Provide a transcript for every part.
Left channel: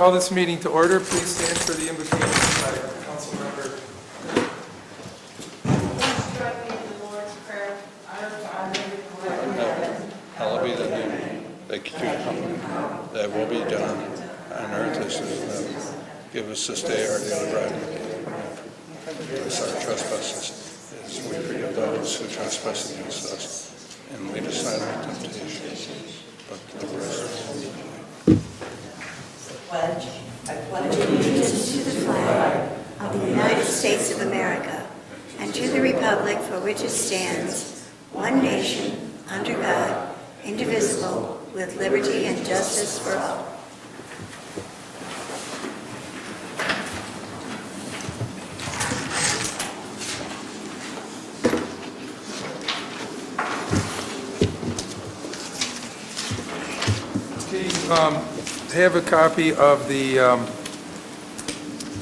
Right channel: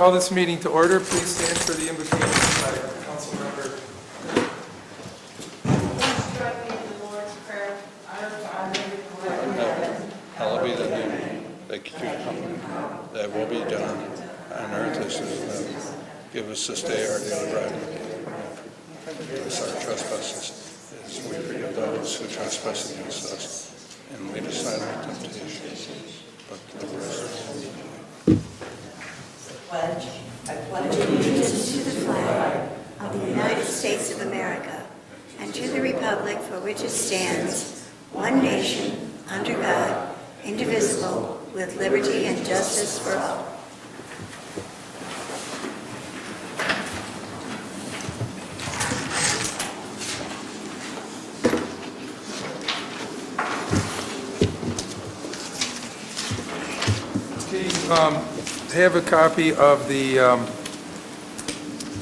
Call this meeting to order. Please stand for the invocation by council member. Hallowed be thy name, thy kingdom come, thy will be done on earth as it is in heaven. Give us this day our daily bread. Forgive us our trespasses, as we forgive those who trespass against us. And lead us not into temptation, but deliver us from evil. I pledge allegiance to the flag of the United States of America and to the republic for which it stands, one nation, under God, indivisible, with liberty and justice for all. I have a copy of the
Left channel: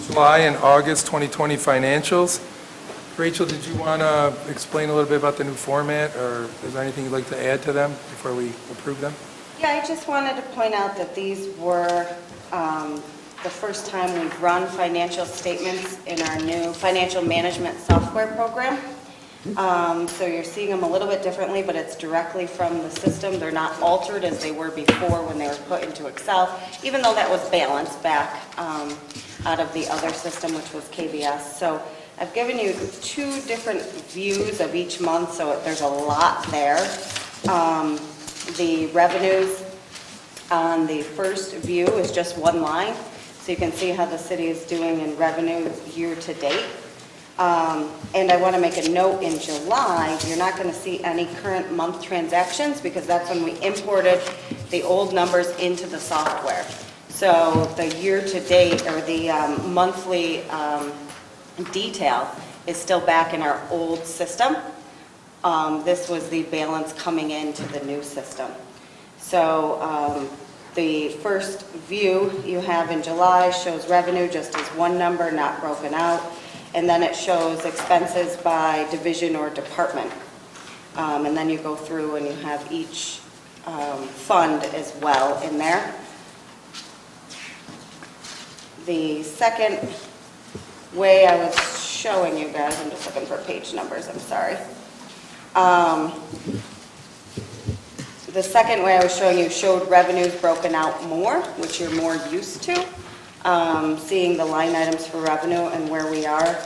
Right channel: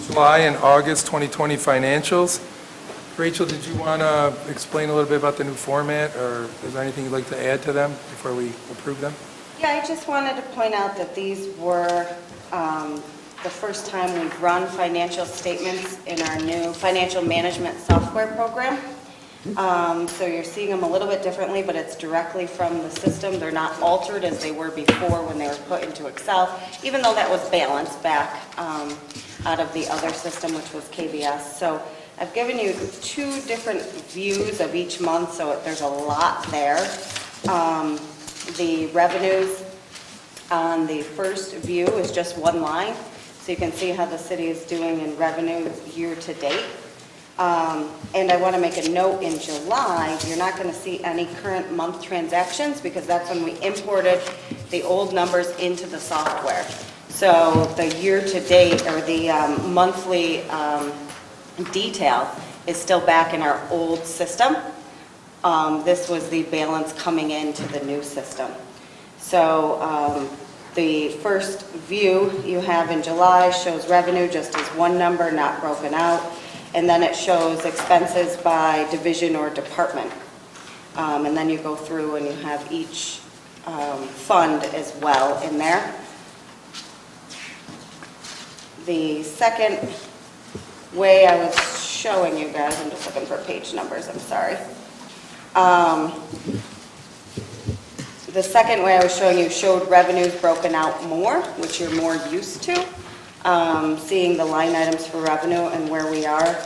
July and August 2020 financials. Rachel, did you want to explain a little bit about the new format, or is there anything you'd like to add to them before we approve them? Yeah, I just wanted to point out that these were the first time we've run financial statements in our new financial management software program. So you're seeing them a little bit differently, but it's directly from the system. They're not altered as they were before when they were put into Excel, even though that was balanced back out of the other system, which was KBS. So I've given you two different views of each month, so there's a lot there. The revenues on the first view is just one line, so you can see how the city is doing in revenue year to date. And I want to make a note, in July, you're not going to see any current month transactions because that's when we imported the old numbers into the software. So the year-to-date or the monthly detail is still back in our old system. This was the balance coming into the new system. So the first view you have in July shows revenue just as one number, not broken out. And then it shows expenses by division or department. And then you go through and you have each fund as well in there. The second way I was showing you guys, I'm just looking for page numbers, I'm sorry. The second way I was showing you showed revenues broken out more, which you're more used to. Seeing the line items for revenue and where we are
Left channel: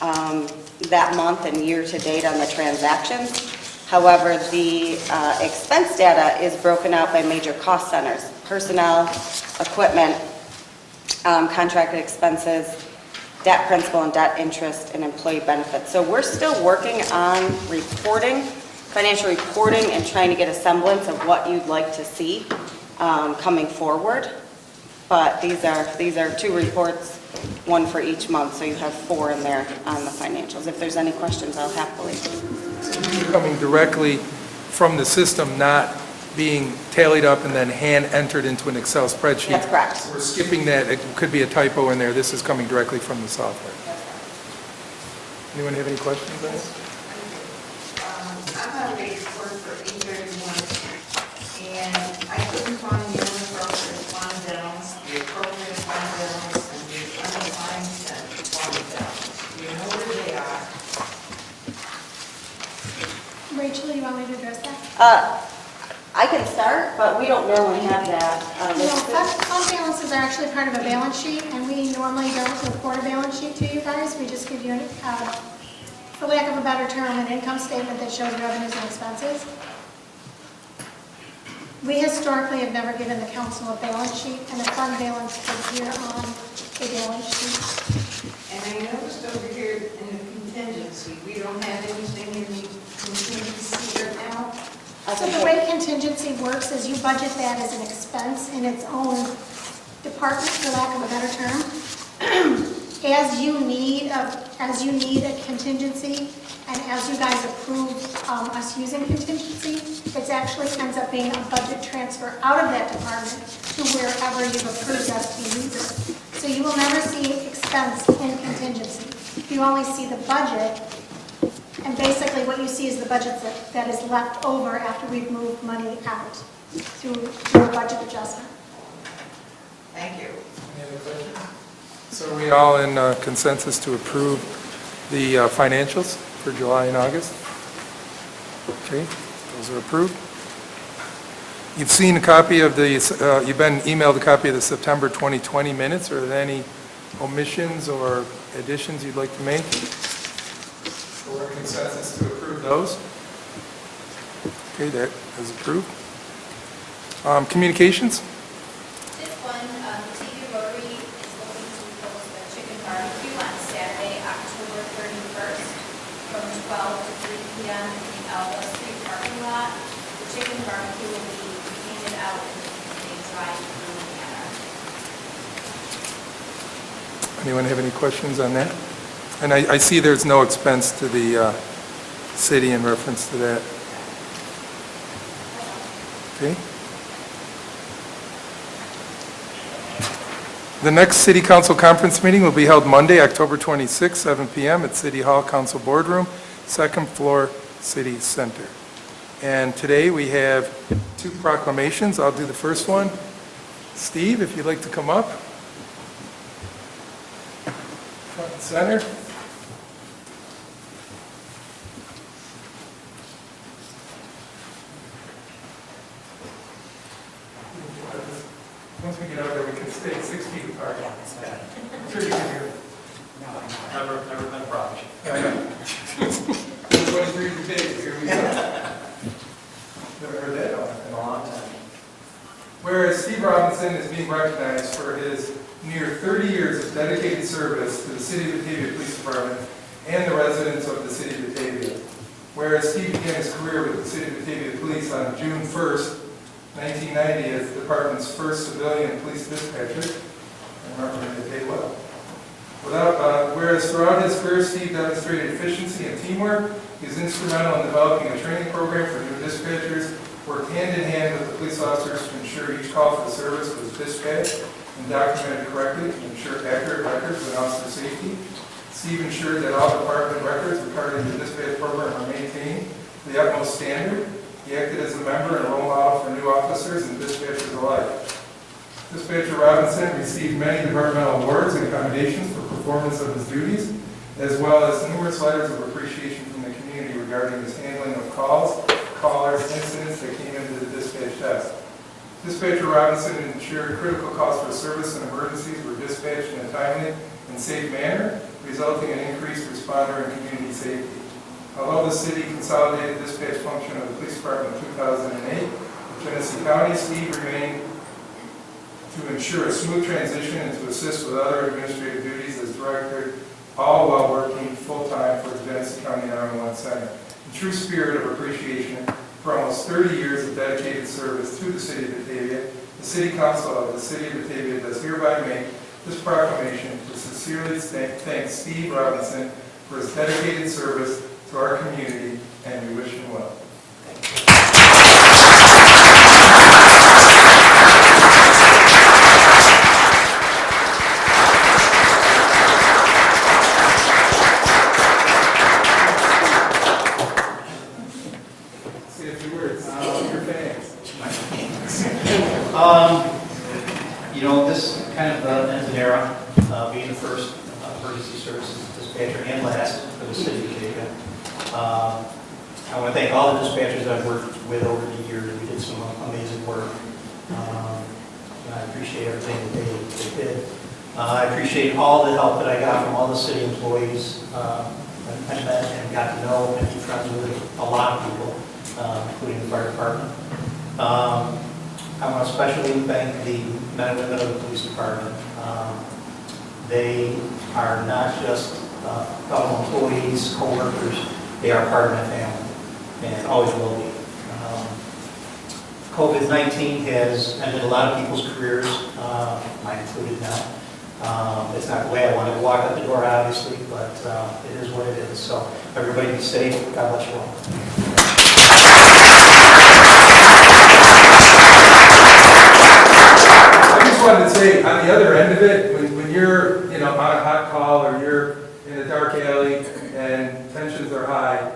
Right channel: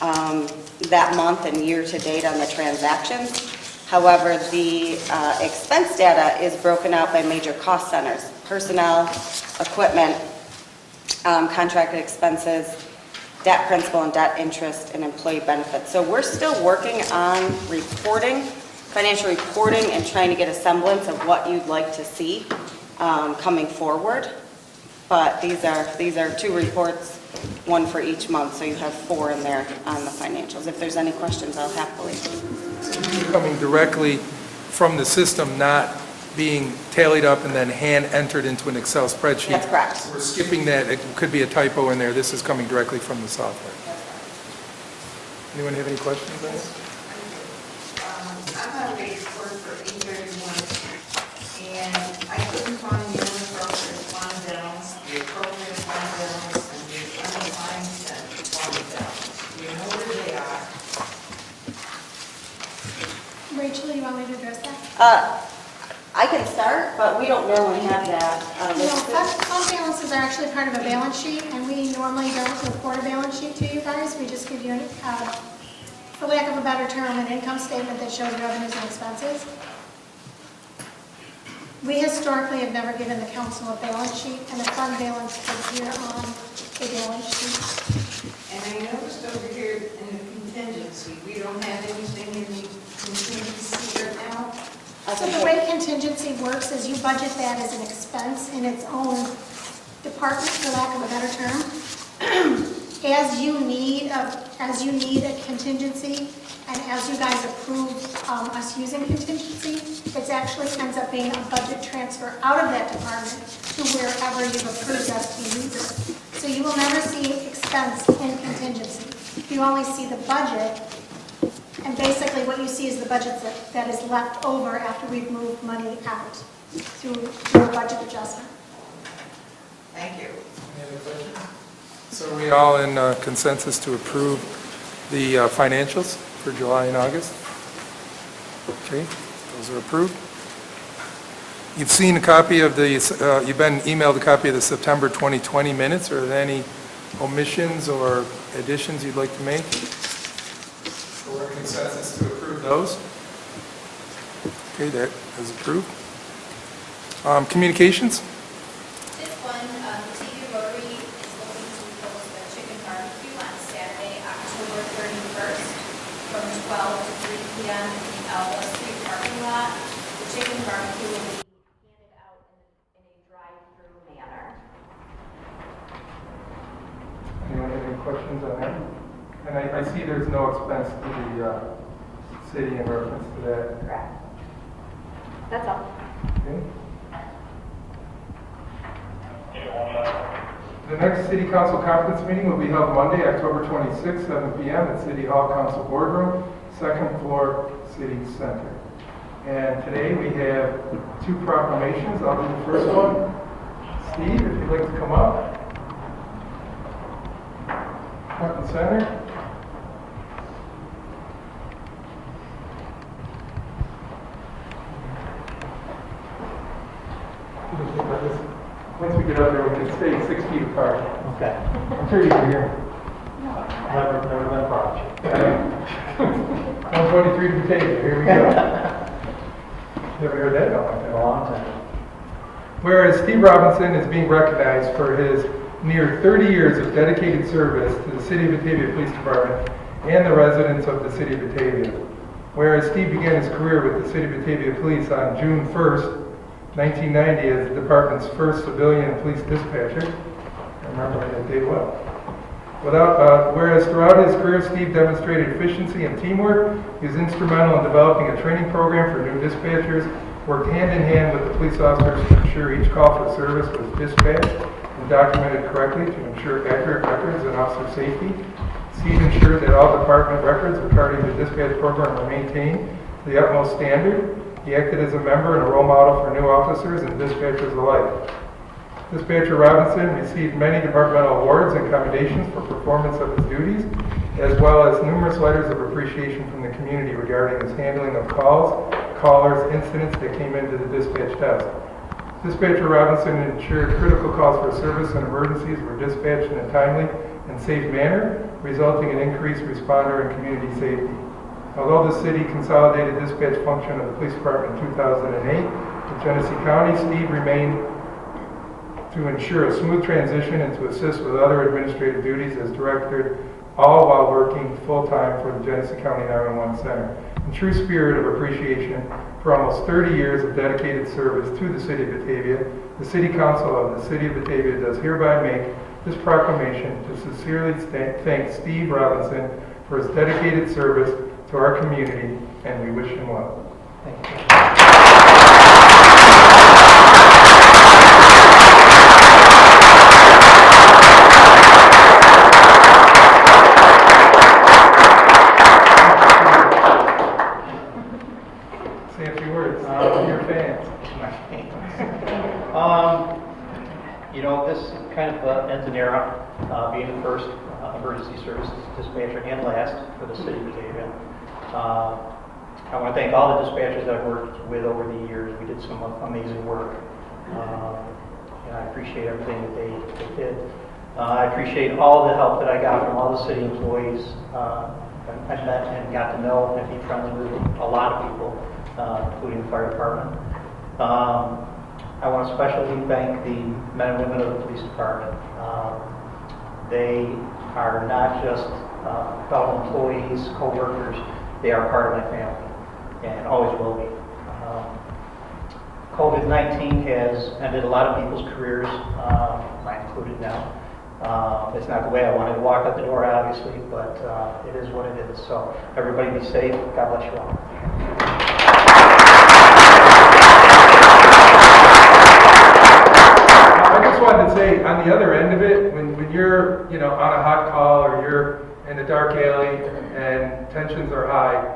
that month and year to date on the transactions. However, the expense data is broken out by major cost centers: personnel, equipment, contracted expenses, debt principal and debt interest, and employee benefits. So we're still working on reporting, financial reporting, and trying to get a semblance of what you'd like to see coming forward. But these are two reports, one for each month, so you have four in there on the financials. If there's any questions, I'll happily. So these are coming directly from the system, not being tallied up and then hand entered into an Excel spreadsheet. That's correct. We're skipping that. It could be a typo in there. This is coming directly from the software. Anyone have any questions on this? I'm on a report for 831, and I couldn't find the inappropriate fund balance, the appropriate fund balance, and the unassigned fund balance. Do you know where they are? Rachel, you want me to address that? I can start, but we don't normally have that. No, fund balances are actually part of a balance sheet, and we normally don't report a balance sheet to you guys. We just give you, for lack of a better term, an income statement that shows revenues and expenses. We historically have never given the council a balance sheet, and a fund balance is here on a balance sheet. And I noticed over here in the contingency, we don't have anything in the contingency right now. So the way contingency works is you budget that as an expense in its own department, for lack of a better term. As you need a contingency, and as you guys approve us using contingency, it actually ends up being a budget transfer out of that department to wherever you've approved us to use it. So you will never see expense in contingency. You only see the budget. And basically what you see is the budget that is left over after we've moved money out through a budget adjustment. Thank you. So are we all in consensus to approve the financials for July and August? Okay, those are approved. You've seen a copy of the, you've been emailed a copy of the September 2020 minutes. Are there any omissions or additions you'd like to make? Or consensus to approve those? Okay, that is approved. Communications? This one, Batavia Rotary is looking to host a chicken barbecue on Saturday, October 31st, from 12 to 3 p.m. in the Alva Street parking lot. The chicken barbecue will be handed out in a drive-through manner. Anyone have any questions on that? And I see there's no expense to the city in reference to that. That's all. Okay. The next City Council conference meeting will be held Monday, October 26, 7 p.m. at City Hall Council Boardroom, second floor, City Center. And today we have 2 proclamations. I'll do the first one. Steve, if you'd like to come up. Front and center. Once we get up there, we can stay 6 feet apart. Okay. I'm sure you can hear me. Never been a problem. 123 to Batavia, here we go. Never heard that In a long time. Whereas Steve Robinson is being recognized for his near 30 years of dedicated service to the City of Batavia Police Department and the residents of the City of Batavia. Whereas Steve began his career with the City of Batavia Police on June 1st, 1990 as the department's first civilian police dispatcher. I remember when they paid well. Whereas throughout his career, Steve demonstrated efficiency and teamwork. He was instrumental in developing a training program for new dispatchers, worked hand in hand with the police officers to ensure each call for service was dispatched and documented correctly to ensure accurate records and officer safety. Steve ensured that all department records regarding the dispatch program were maintained to the utmost standard. He acted as a member and a role model for new officers and dispatchers alike. Dispatcher Robinson received many departmental awards and commendations for performance of his duties, as well as numerous letters of appreciation from the community regarding his handling of calls, callers, incidents that came into the dispatch desk. Dispatcher Robinson ensured critical calls for service and emergencies were dispatched in a timely and safe manner, resulting in increased responder and community safety. Although the city consolidated dispatch function of the police department in 2008 with Genesee County, Steve remained to ensure a smooth transition and to assist with other administrative duties as director, all while working full-time for the Genesee County 911 Center. In true spirit of appreciation for almost 30 years of dedicated service to the City of Batavia, the City Council of the City of Batavia does hereby make this proclamation to sincerely thank Steve Robinson for his dedicated service to our community, and we wish him well. Thank you. Say a few words to your fans. You know, this kind of ends an era, being the first emergency services dispatcher and last for the city of Batavia. I want to thank all the dispatchers I've worked with over the years. We did some amazing work. And I appreciate everything that they did. I appreciate all the help that I got from all the city employees. I met and got to know and be friends with a lot of people, including the fire department. I want to especially thank the men and women of the police department. They are not just fellow employees, co-workers, they are part of my family and always will be. COVID-19 has ended a lot of people's careers, mine included now. It's not the way I wanted to walk out the door, obviously, but it is what it is. So everybody be safe. God bless you all. I just wanted to say, on the other end of it, when you're, on a hot call or you're in a dark alley and tensions are high,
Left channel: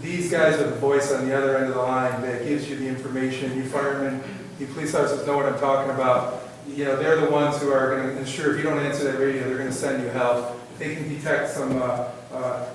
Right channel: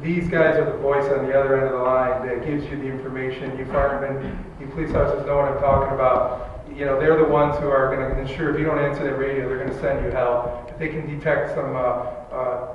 these guys are the voice on the other end of the line that gives you the information. You firemen, you police officers know what I'm talking about. they're the ones who are going to ensure if you don't answer that radio, they're going to send you help. If they can detect some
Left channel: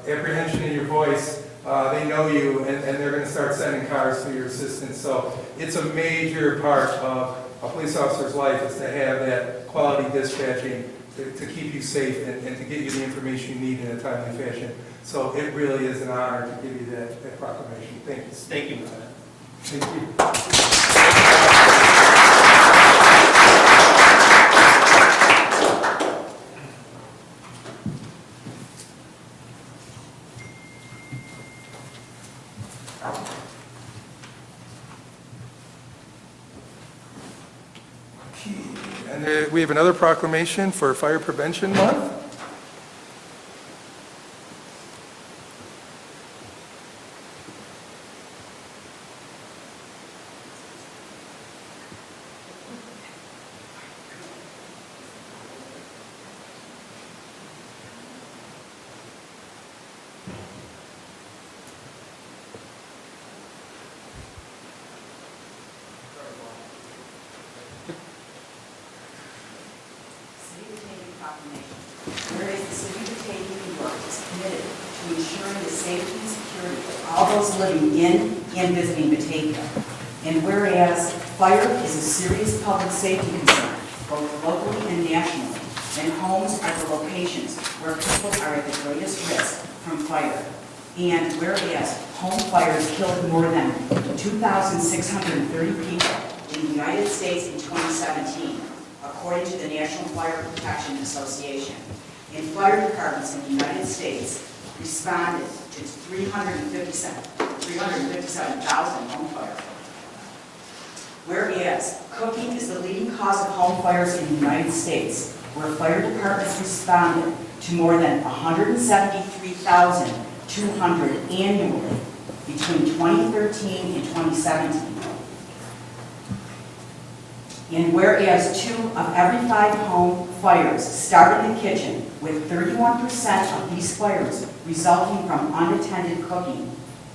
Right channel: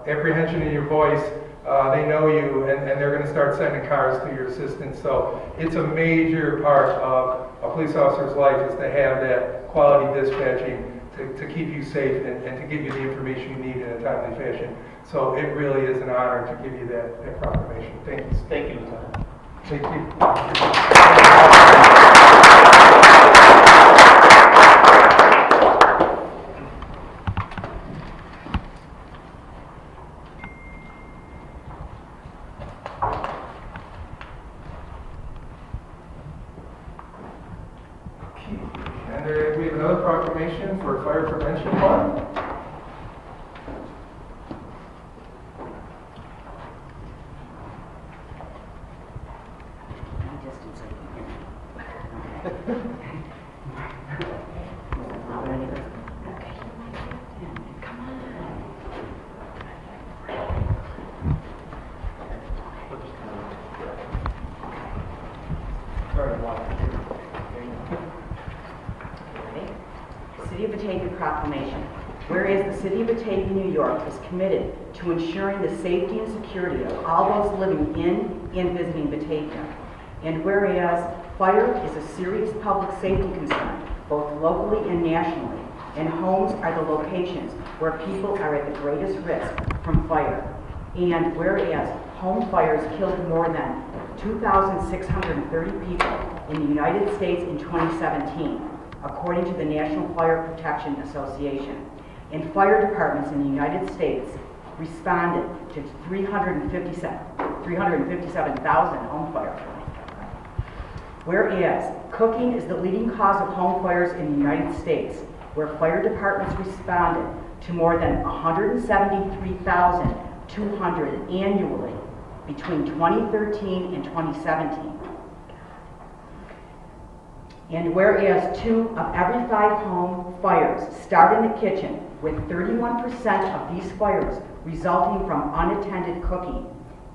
apprehension in your voice, they know you, and they're going to start sending cars to your assistance. So it's a major part of a police officer's life is to have that quality dispatching to keep you safe and to get you the information you need in a timely fashion. So it really is an honor to give you that proclamation. Thanks. Thank you, Lieutenant. Thank you. And we have another proclamation for Fire Prevention Month. City of Batavia Proclamation. Whereas the City of Batavia, New York is committed to ensuring the safety and security of all those living in and visiting Batavia. And whereas fire is a serious public safety concern, both locally and nationally, and homes are the locations where people are at the greatest risk from fire. And whereas home fires killed more than 2,630 people in the United States in 2017, according to the National Fire Protection Association. And fire departments in the United States responded to 357,000 home fires. Whereas cooking is the leading cause of home fires in the United States, where fire departments responded to more than 173,200 annually between 2013 and 2017. And whereas 2 of every 5 home fires start in the kitchen, with 31% of these fires resulting from unattended cooking,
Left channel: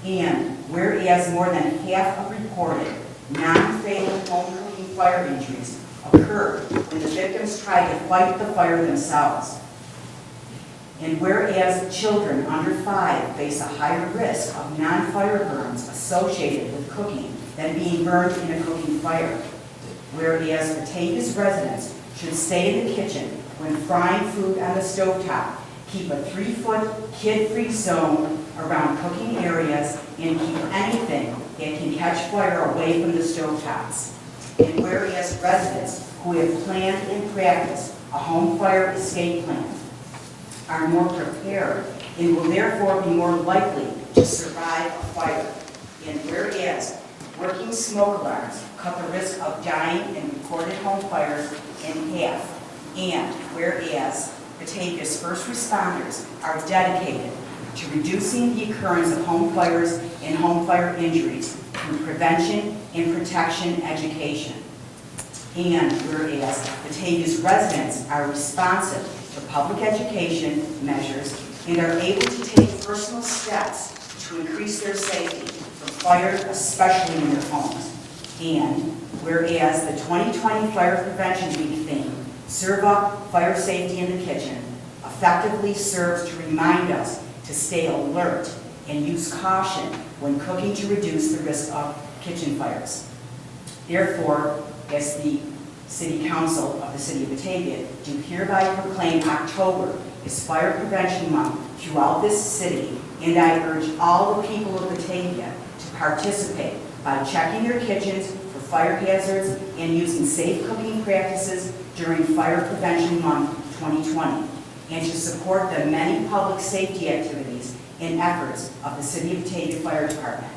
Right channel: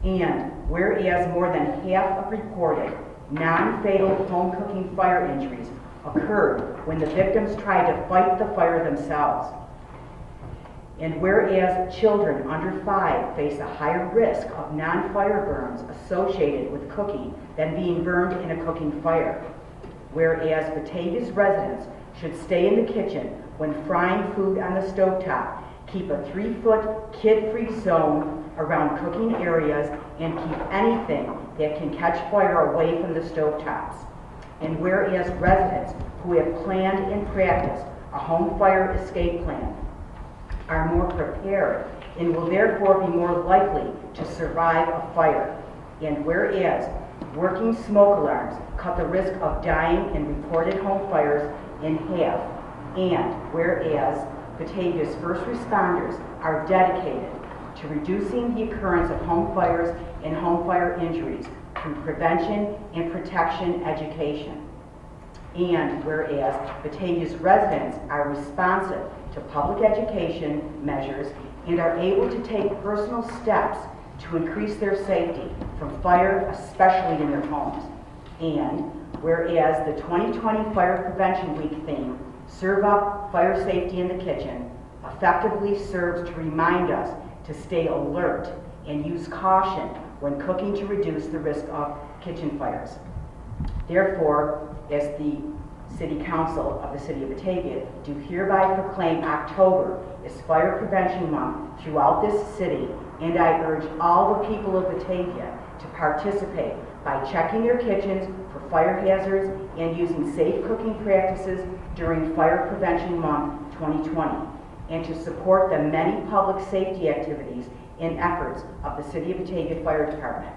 and whereas more than half of reported non-fatal home cooking fire injuries occurred when the victims tried to fight the fire themselves. And whereas children under 5 face a higher risk of non-fire burns associated with cooking than being burned in a cooking fire. Whereas Batavia's residents should stay in the kitchen when frying food on the stovetop, keep a 3-foot kid-free zone around cooking areas, and keep anything that can catch fire away from the stovetops. And whereas residents who have planned and practiced a home fire escape plan are more prepared and will therefore be more likely to survive a fire. And whereas working smoke alarms cut the risk of dying in reported home fires in half. And whereas Batavia's first responders are dedicated to reducing the occurrence of home fires and home fire injuries through prevention and protection education. And whereas Batavia's residents are responsive to public education measures and are able to take personal steps to increase their safety from fire, especially in their homes. And whereas the 2020 Fire Prevention Week theme, Serve Up Fire Safety in the Kitchen, effectively serves to remind us to stay alert and use caution when cooking to reduce the risk of kitchen fires. Therefore, as the City Council of the City of Batavia, do hereby proclaim October as Fire Prevention Month throughout this city, and I urge all the people of Batavia to participate by checking their kitchens for fire hazards and using safe cooking practices during Fire Prevention Month 2020, and to support the many public safety activities and efforts of the City of Batavia Fire Department.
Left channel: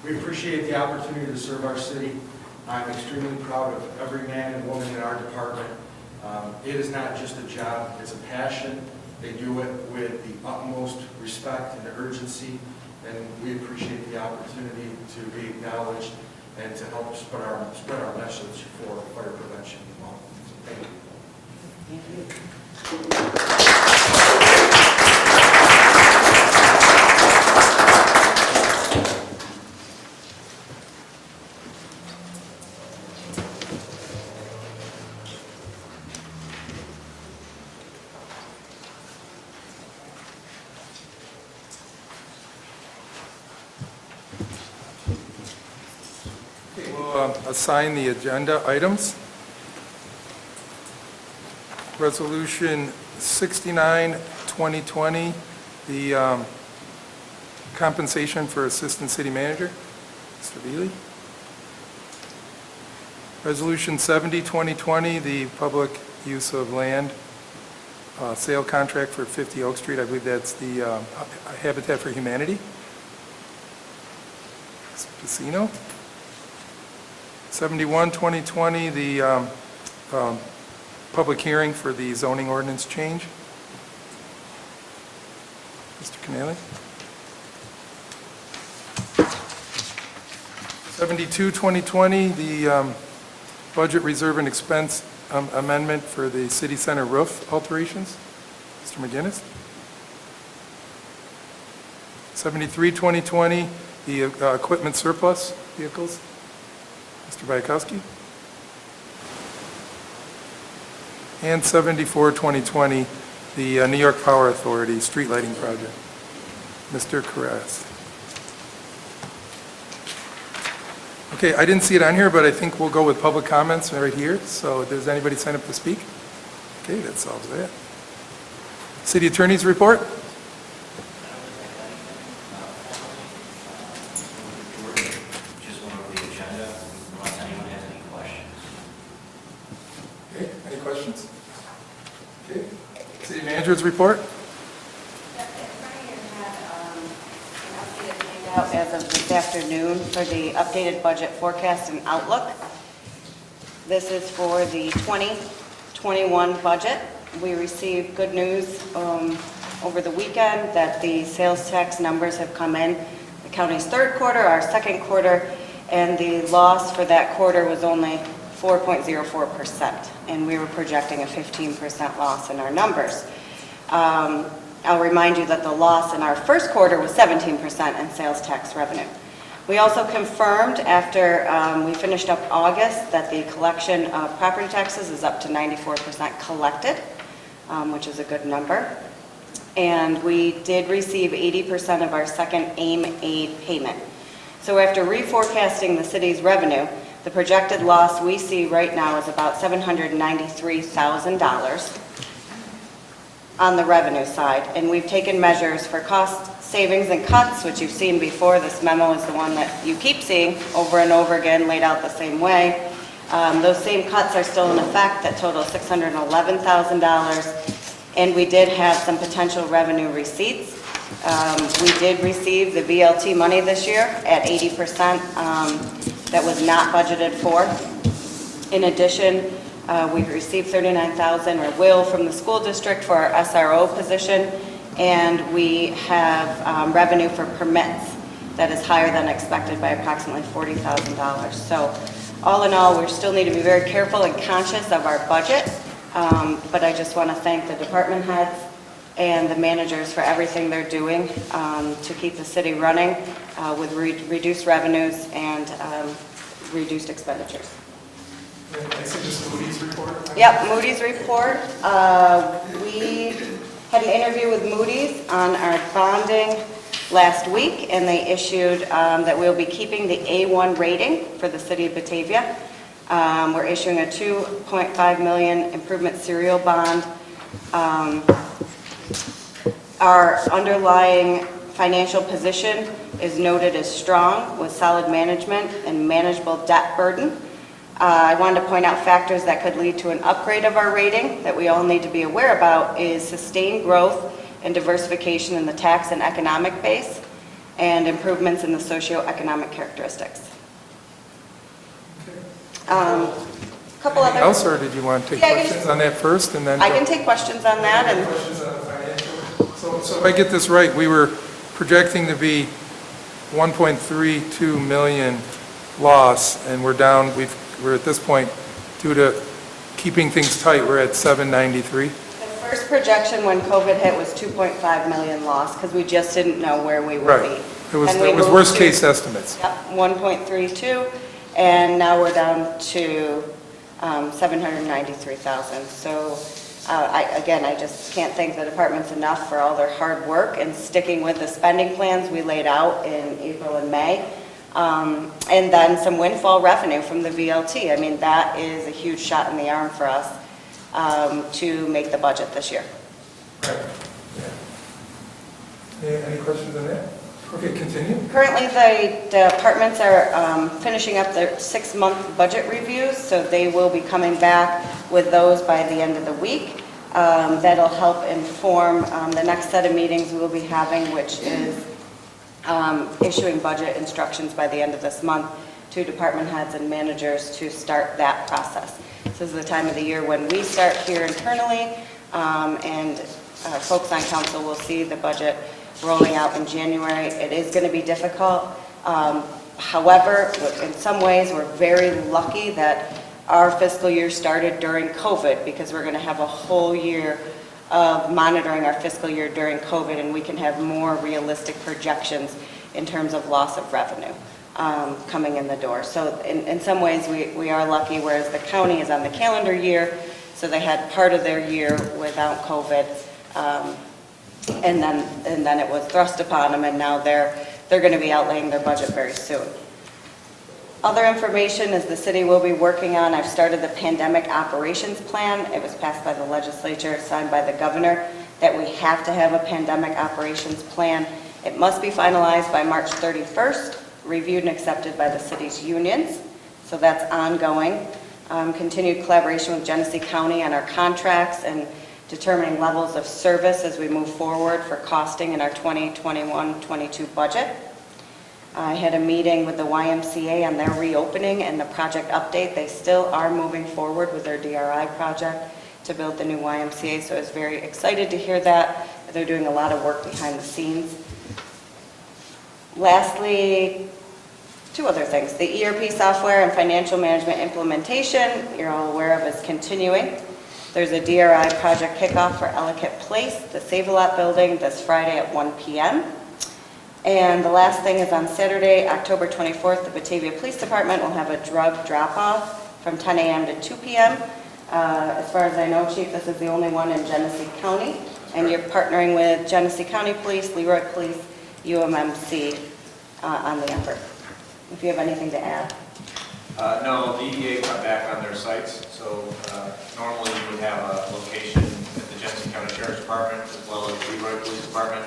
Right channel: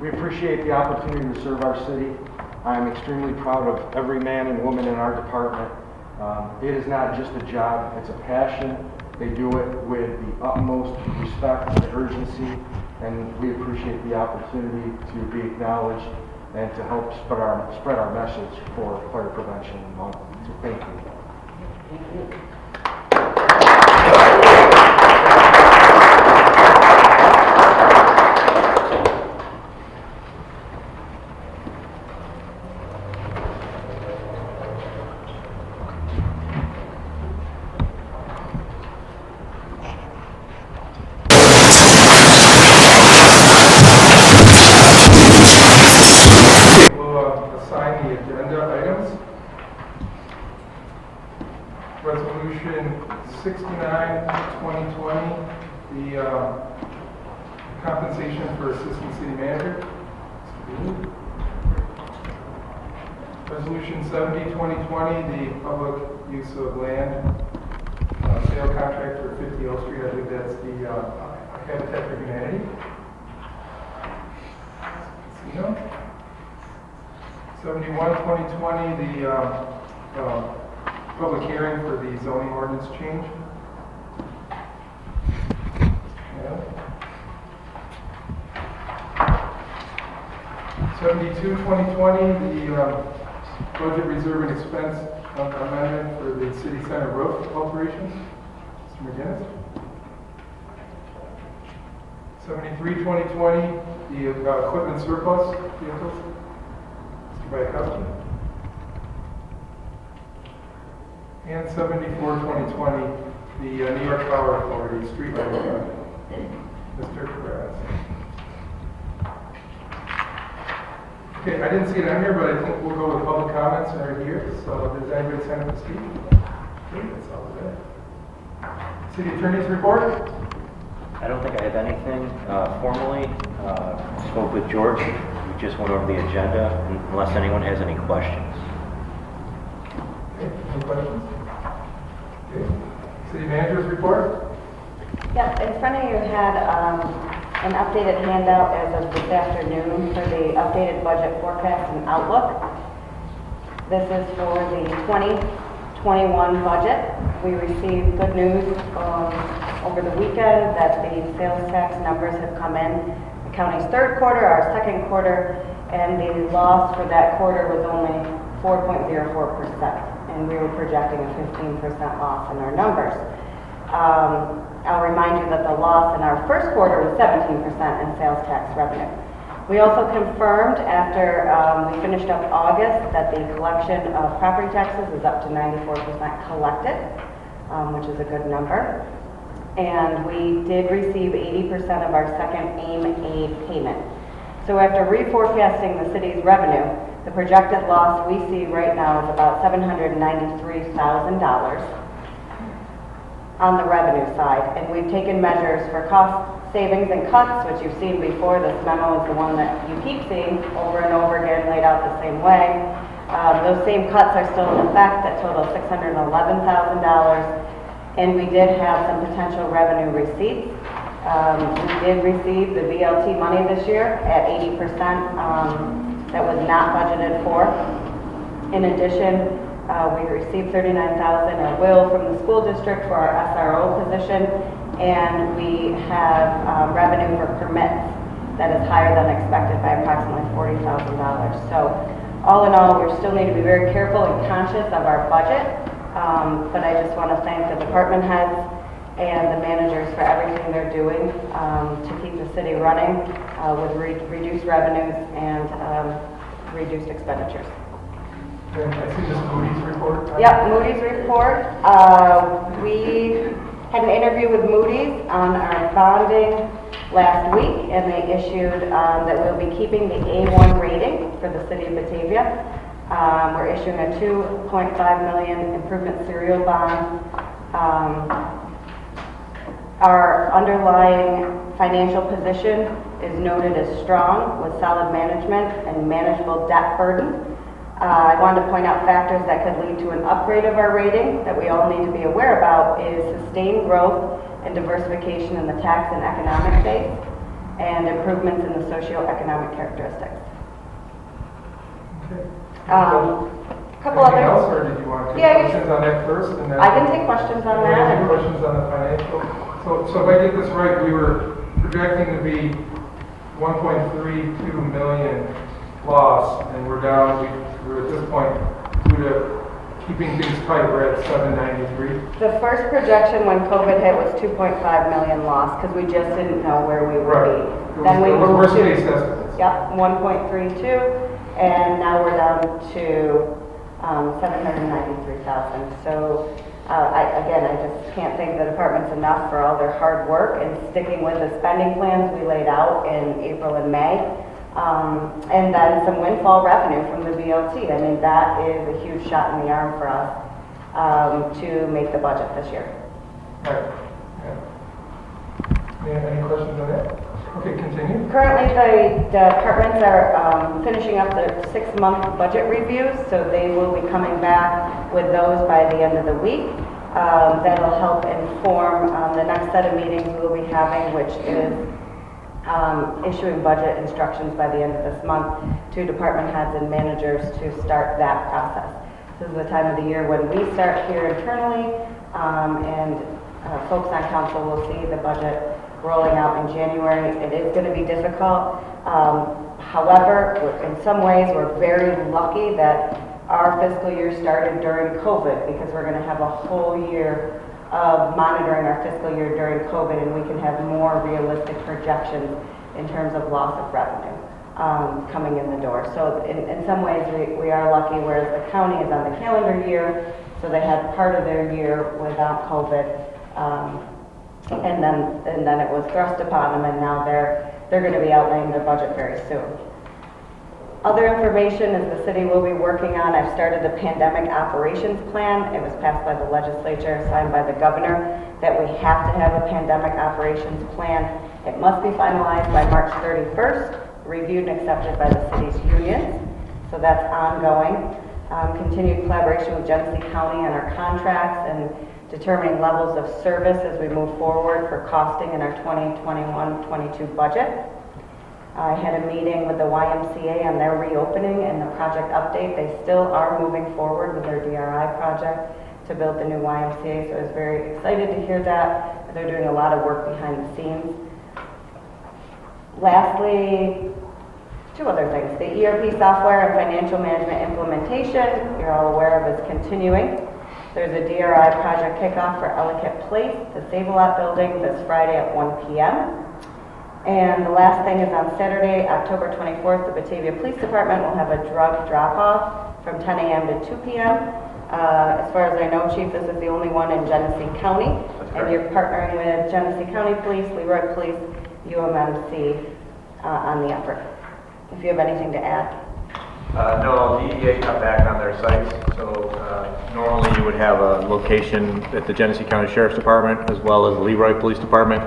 We appreciate the opportunity to serve our city. I'm extremely proud of every man and woman in our department. It is not just a job, it's a passion. They do it with the utmost respect and urgency, and we appreciate the opportunity to be acknowledged and to help spread our message for Fire Prevention Month. Thank you. Assign the agenda items. Resolution 69, 2020, the compensation for Assistant City Manager, Mr. Beasley. Resolution 70, 2020, the public use of land sale contract for 50 Oak Street. I believe that's the Habitat for Humanity. Casino. 71, 2020, the public hearing for the zoning ordinance change. Mr. Canale. 72, 2020, the budget reserve and expense amendment for the city center roof alterations. Mr. McGinnis. 73, 2020, the equipment surplus vehicles. Bayakowski. And 74, 2020, the New York Power Authority street lighting project. Mr. Carras. Okay, I didn't see it on here, but I think we'll go with public comments right here. So does anybody sign up to speak? Okay, that solves that. City Attorney's report? I don't think I have anything formally. Spoke with George. Just went over the agenda, unless anyone has any questions. Okay, any questions? Okay. City Manager's report? Yep, in front of you had an updated handout as of this afternoon for the updated budget forecast and outlook. This is for the 2021 budget. We received good news over the weekend that the sales tax numbers have come in. County's third quarter, our second quarter, and the loss for that quarter was only 4.04%, and we were projecting a 15% loss in our numbers. I'll remind you that the loss in our first quarter was 17% in sales tax revenue. We also confirmed after we finished up August that the collection of property taxes is up to 94% collected, which is a good number. And we did receive 80% of our second AIM aid payment. So after reforecasting the city's revenue, the projected loss we see right now is about $793,000 on the revenue side. And we've taken measures for cost savings and cuts, which you've seen before. This memo is the one that you keep seeing over and over again, laid out the same way. Those same cuts are still in effect that total $611,000. And we did have some potential revenue receipts. We did receive the VLT money this year at 80% that was not budgeted for. In addition, we received $39,000 or will from the school district for our SRO position, and we have revenue for permits that is higher than expected by approximately $40,000. So all in all, we still need to be very careful and conscious of our budget. But I just want to thank the department heads and the managers for everything they're doing to keep the city running with reduced revenues and reduced expenditures. And I see this is Moody's report. Yep, Moody's report. We had an interview with Moody's on our bonding last week, and they issued that we'll be keeping the A1 rating for the city of Batavia. We're issuing a $2.5 million improvement serial bond. Our underlying financial position is noted as strong with solid management and manageable debt burden. I wanted to point out factors that could lead to an upgrade of our rating that we all need to be aware about is sustained growth and diversification in the tax and economic base and improvements in the socioeconomic characteristics. Couple Anything other. else, or did you want to take questions on that first, and then? I can take questions on that. Any And questions on the financial? So if I get this right, we were projecting to be 1.32 million loss, and we're down, we're at this point, due to keeping things tight, we're at 793. The first projection when COVID hit was 2.5 million loss, because we just didn't know where we would Right. be. It was, Then we it was moved worst to- case estimates. Yep, 1.32, and now we're down to 793,000. So I just can't thank the departments enough for all their hard work and sticking with the spending plans we laid out in April and May. And then some windfall revenue from the VLT. I mean, that is a huge shot in the arm for us to make the budget this year. Right. Yeah. Any questions on that? Okay, continue. Currently, the departments are finishing up their 6-month budget reviews, so they will be coming back with those by the end of the week. That'll help inform the next set of meetings we'll be having, which is issuing budget instructions by the end of this month to department heads and managers to start that process. This is the time of the year when we start here internally, and folks on council will see the budget rolling out in January. It is going to be difficult. However, in some ways, we're very lucky that our fiscal year started during COVID, because we're going to have a whole year of monitoring our fiscal year during COVID, and we can have more realistic projections in terms of loss of revenue coming in the door. So in some ways, we are lucky, whereas the county is on the calendar year, so they had part of their year without COVID. And then it was thrust upon them, and now they're going to be outlaying their budget very soon. Other information is the city will be working on, I've started the pandemic operations plan. It was passed by the legislature, signed by the governor, that we have to have a pandemic operations plan. It must be finalized by March 31st, reviewed and accepted by the city's unions. So that's ongoing. Continued collaboration with Genesee County on our contracts and determining levels of service as we move forward for costing in our 2021-22 budget. I had a meeting with the YMCA on their reopening and the project update. They still are moving forward with their DRI project to build the new YMCA, so I was very excited to hear that. They're doing a lot of work behind the scenes. Lastly, 2 other things. The ERP software and financial management implementation, you're all aware of, is continuing. There's a DRI project kickoff for Ellicott Place, the Save-A-Lot building, this Friday at 1 p.m. And the last thing is on Saturday, October 24th, the Batavia Police Department will have a drug drop-off from 10 a.m. to 2 p.m. As far as I know, Chief, this is the only one in Genesee County. And you're partnering with Genesee County Police, Leroy Police, UMMC on the effort. If you have anything to add. No, DEA cut back on their sites, so normally you would have a location at the Genesee County Sheriff's Department as well as the Leroy Police Department,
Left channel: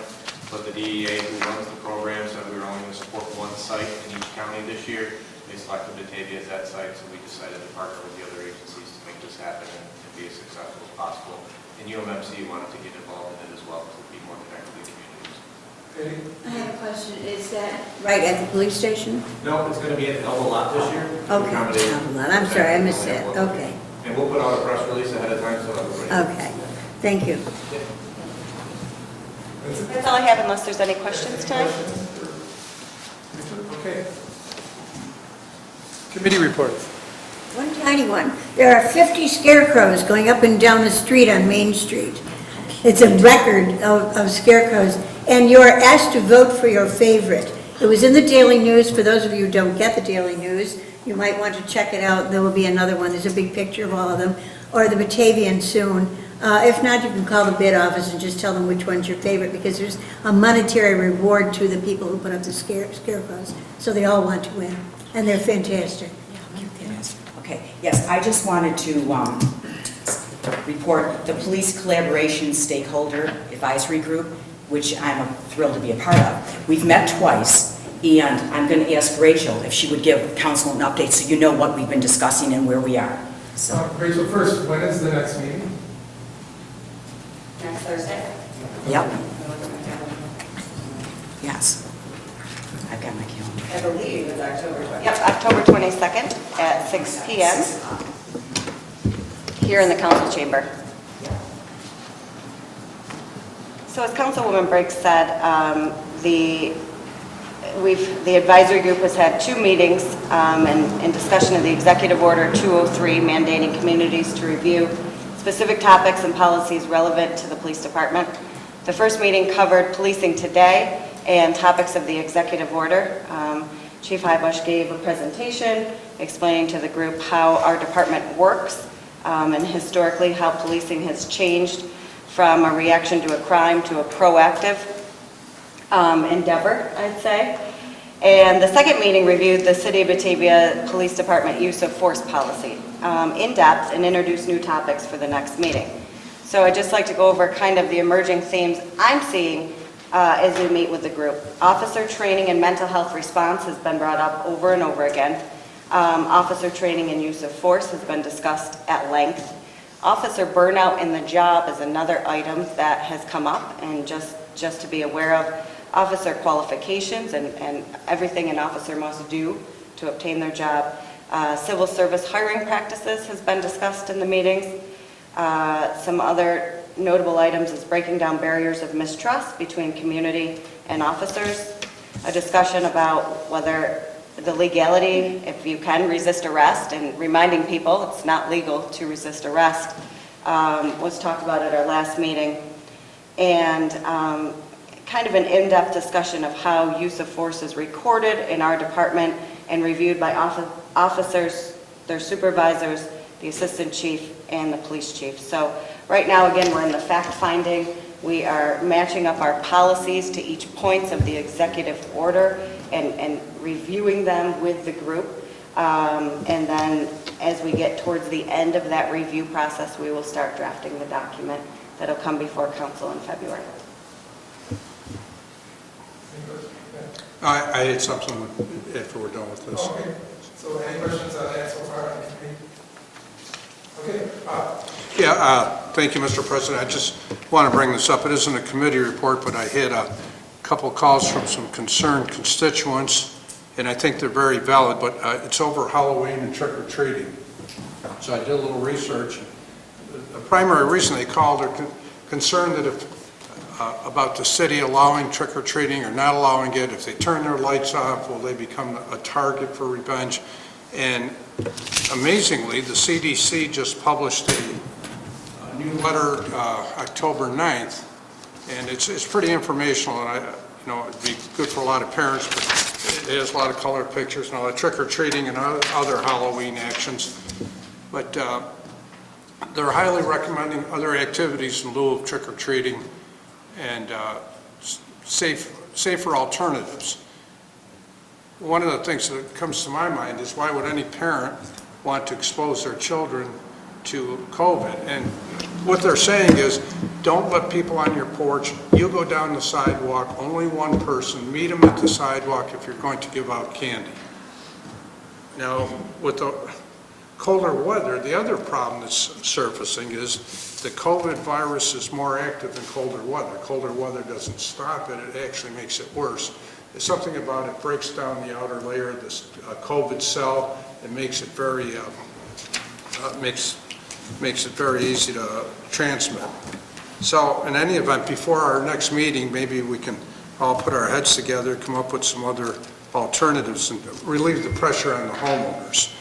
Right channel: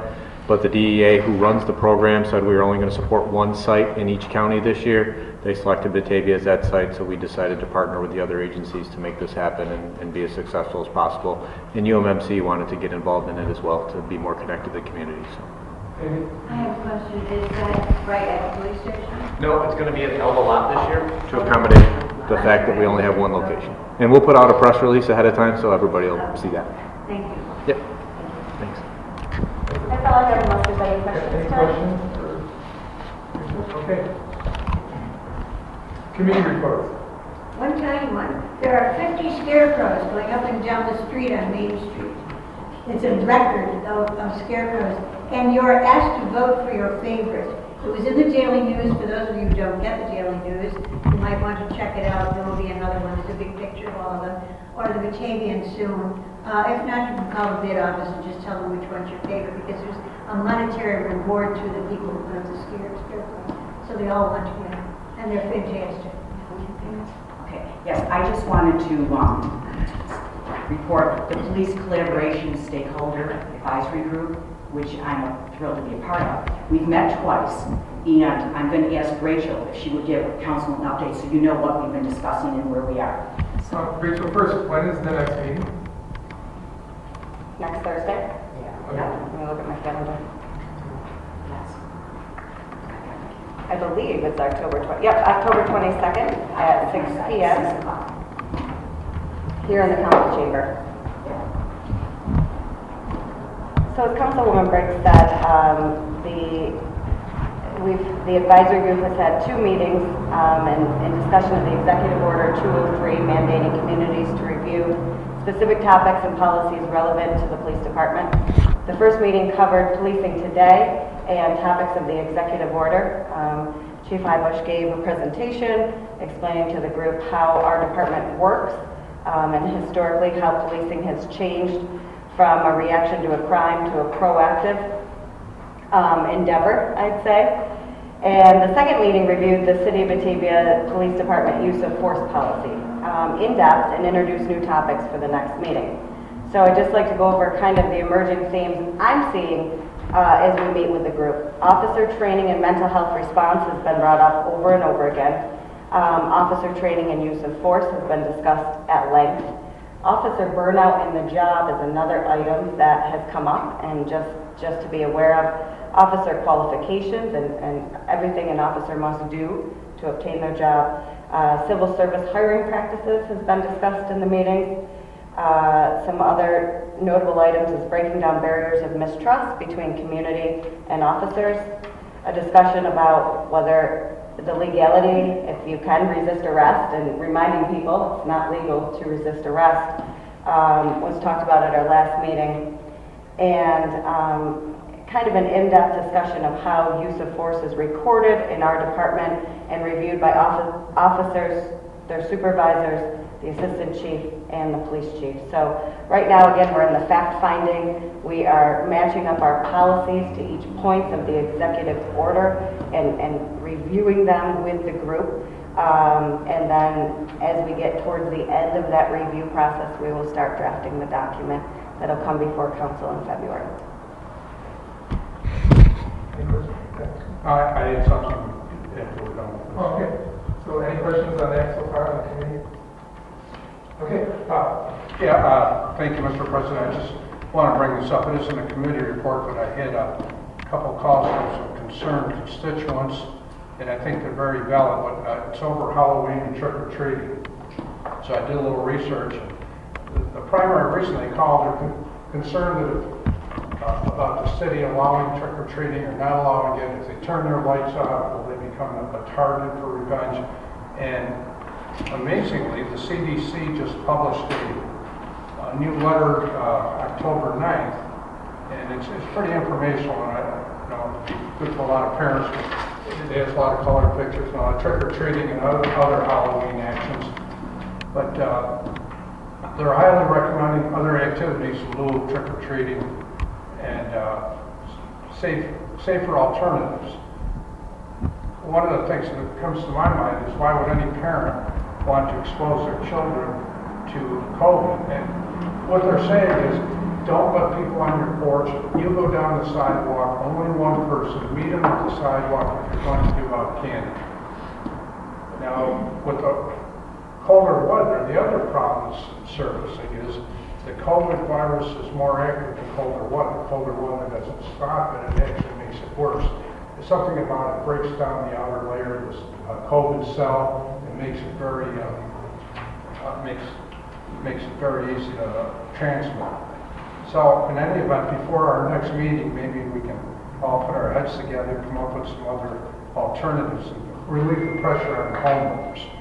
but the DEA who runs the program said we were only going to support one site in each county this year. They selected Batavia as that site, so we decided to partner with the other agencies to make this happen and be as successful as possible. And UMMC wanted to get involved in it as well to be more connected to the communities. I have a question. Is that right at the police station? No, it's going to be at Elba Lot this year. Okay. Accommodate the I'm fact sorry, that I we only have missed one it. location. Okay. And we'll put out a press release ahead of time so everybody will Okay. see that. Thank you. Yep. That's all I have, unless there's any questions tonight. Okay. Committee reports. One tiny one. There are 50 scarecrows going up and down the street on Main Street. It's a record of scarecrows. And you are asked to vote for your favorite. It was in the Daily News. For those of you who don't get the Daily News, you might want to check it out. There will be another one. There's a big picture of all of them. Or the Batavian soon. If not, you can call the bid office and just tell them which one's your favorite, because there's a monetary reward to the people who put up the scarecrows. So they all want to win. And they're fantastic. Okay, yes, I just wanted to report the Police Collaboration Stakeholder Advisory Group, which I'm thrilled to be a part of. We've met twice, and I'm going to ask Rachel if she would give council an update so you know what we've been discussing and where we are. So, Rachel, first, when is the next meeting? Next Thursday? yep, I'll look at my calendar. yes. I've got my calendar. I believe it's October 20th. Yep, October 22nd at 6 p.m. here in the council chamber. So as Councilwoman Briggs said, the advisory group has had 2 meetings in discussion of the Executive Order 203 mandating communities to review specific topics and policies relevant to the police department. The first meeting covered policing today and topics of the Executive Order. Chief Highbush gave a presentation explaining to the group how our department works and historically how policing has changed from a reaction to a crime to a proactive endeavor, I'd say. And the second meeting reviewed the City of Batavia Police Department use of force policy in depth and introduced new topics for the next meeting. So I'd just like to go over kind of the emerging themes I'm seeing as we meet with the group. Officer training and mental health response has been brought up over and over again. Officer training and use of force has been discussed at length. Officer burnout in the job is another item that has come up, and just to be aware of. Officer qualifications and everything an officer must do to obtain their job. Civil service hiring practices has been discussed in the meetings. Some other notable items is breaking down barriers of mistrust between community and officers. A discussion about whether the legality, if you can resist arrest, and reminding people it's not legal to resist arrest, was talked about at our last meeting. And kind of an in-depth discussion of how use of force is recorded in our department and reviewed by officers, their supervisors, the assistant chief, and the police chief. So right now, again, we're in the fact-finding. We are matching up our policies to each points of the executive order and reviewing them with the group. And then as we get towards the end of that review process, we will start drafting the document that'll come before council in February. I had something after we're done with this. Okay, so any questions on that so far on the committee? Okay, Thank you, Mr. President. I just want to bring this up. It isn't a committee report, but I had a couple calls from some concerned constituents, and I think they're very valid, but it's over Halloween and trick-or-treating. So I did a little research. The primary reason they called are concerned that if about the city allowing trick-or-treating or not allowing it. If they turn their lights off, will they become a target for revenge? And amazingly, the CDC just published a new letter October 9th, and it's pretty informational, and it'd be good for a lot of parents, but it has a lot of colored pictures and all that trick-or-treating and other Halloween actions. But they're highly recommending other activities in lieu of trick-or-treating and safer alternatives. One of the things that comes to my mind is why would any parent want to expose their children to COVID? And what they're saying is, don't let people on your porch. You go down the sidewalk, only one person, meet them at the sidewalk if you're going to give out candy. Now, with the colder weather, the other problem that's surfacing is the COVID virus is more active than colder weather. Colder weather doesn't stop it, it actually makes it worse. There's something about it breaks down the outer layer of this COVID cell. It makes it very makes it very easy to transmit. So in any event, before our next meeting, maybe we can all put our heads together and come up with some other alternatives and relieve the pressure on the homeowners.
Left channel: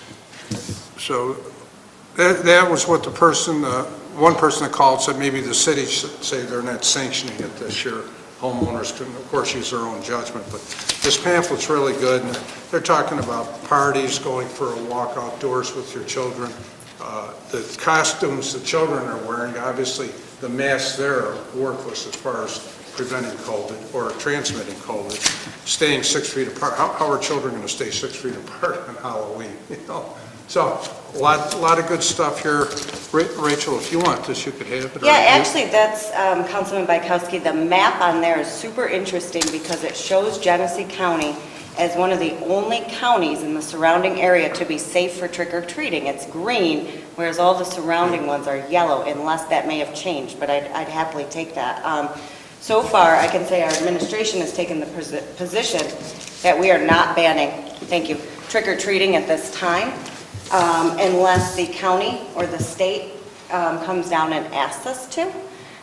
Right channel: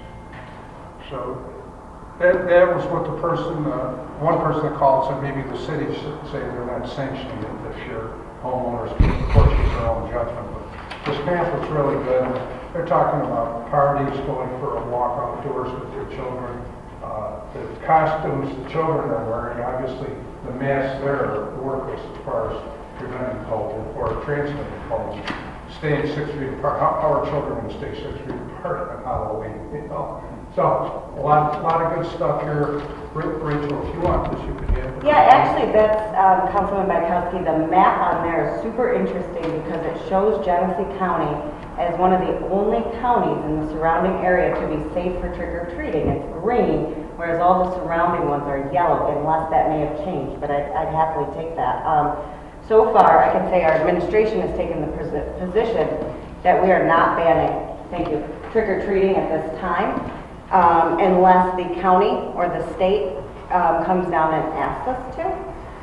So that was what the person, one person that called said maybe the city should say they're not sanctioning it this year. Homeowners can, of course, use their own judgment, but this pamphlet's really good. They're talking about parties, going for a walk outdoors with your children. The costumes the children are wearing, obviously the masks there are worthless as far as preventing COVID or transmitting COVID. Staying 6 feet apart, how are children going to stay 6 feet apart on Halloween? So a lot of good stuff here. Rachel, if you want this, you could have it. Yeah, actually, that's Councilman Bykowski. The map on there is super interesting because it shows Genesee County as one of the only counties in the surrounding area to be safe for trick-or-treating. It's green, whereas all the surrounding ones are yellow, unless that may have changed, but I'd happily take that. So far, I can say our administration has taken the position that we are not banning, thank you, trick-or-treating at this time, unless the county or the state comes down and asks us to.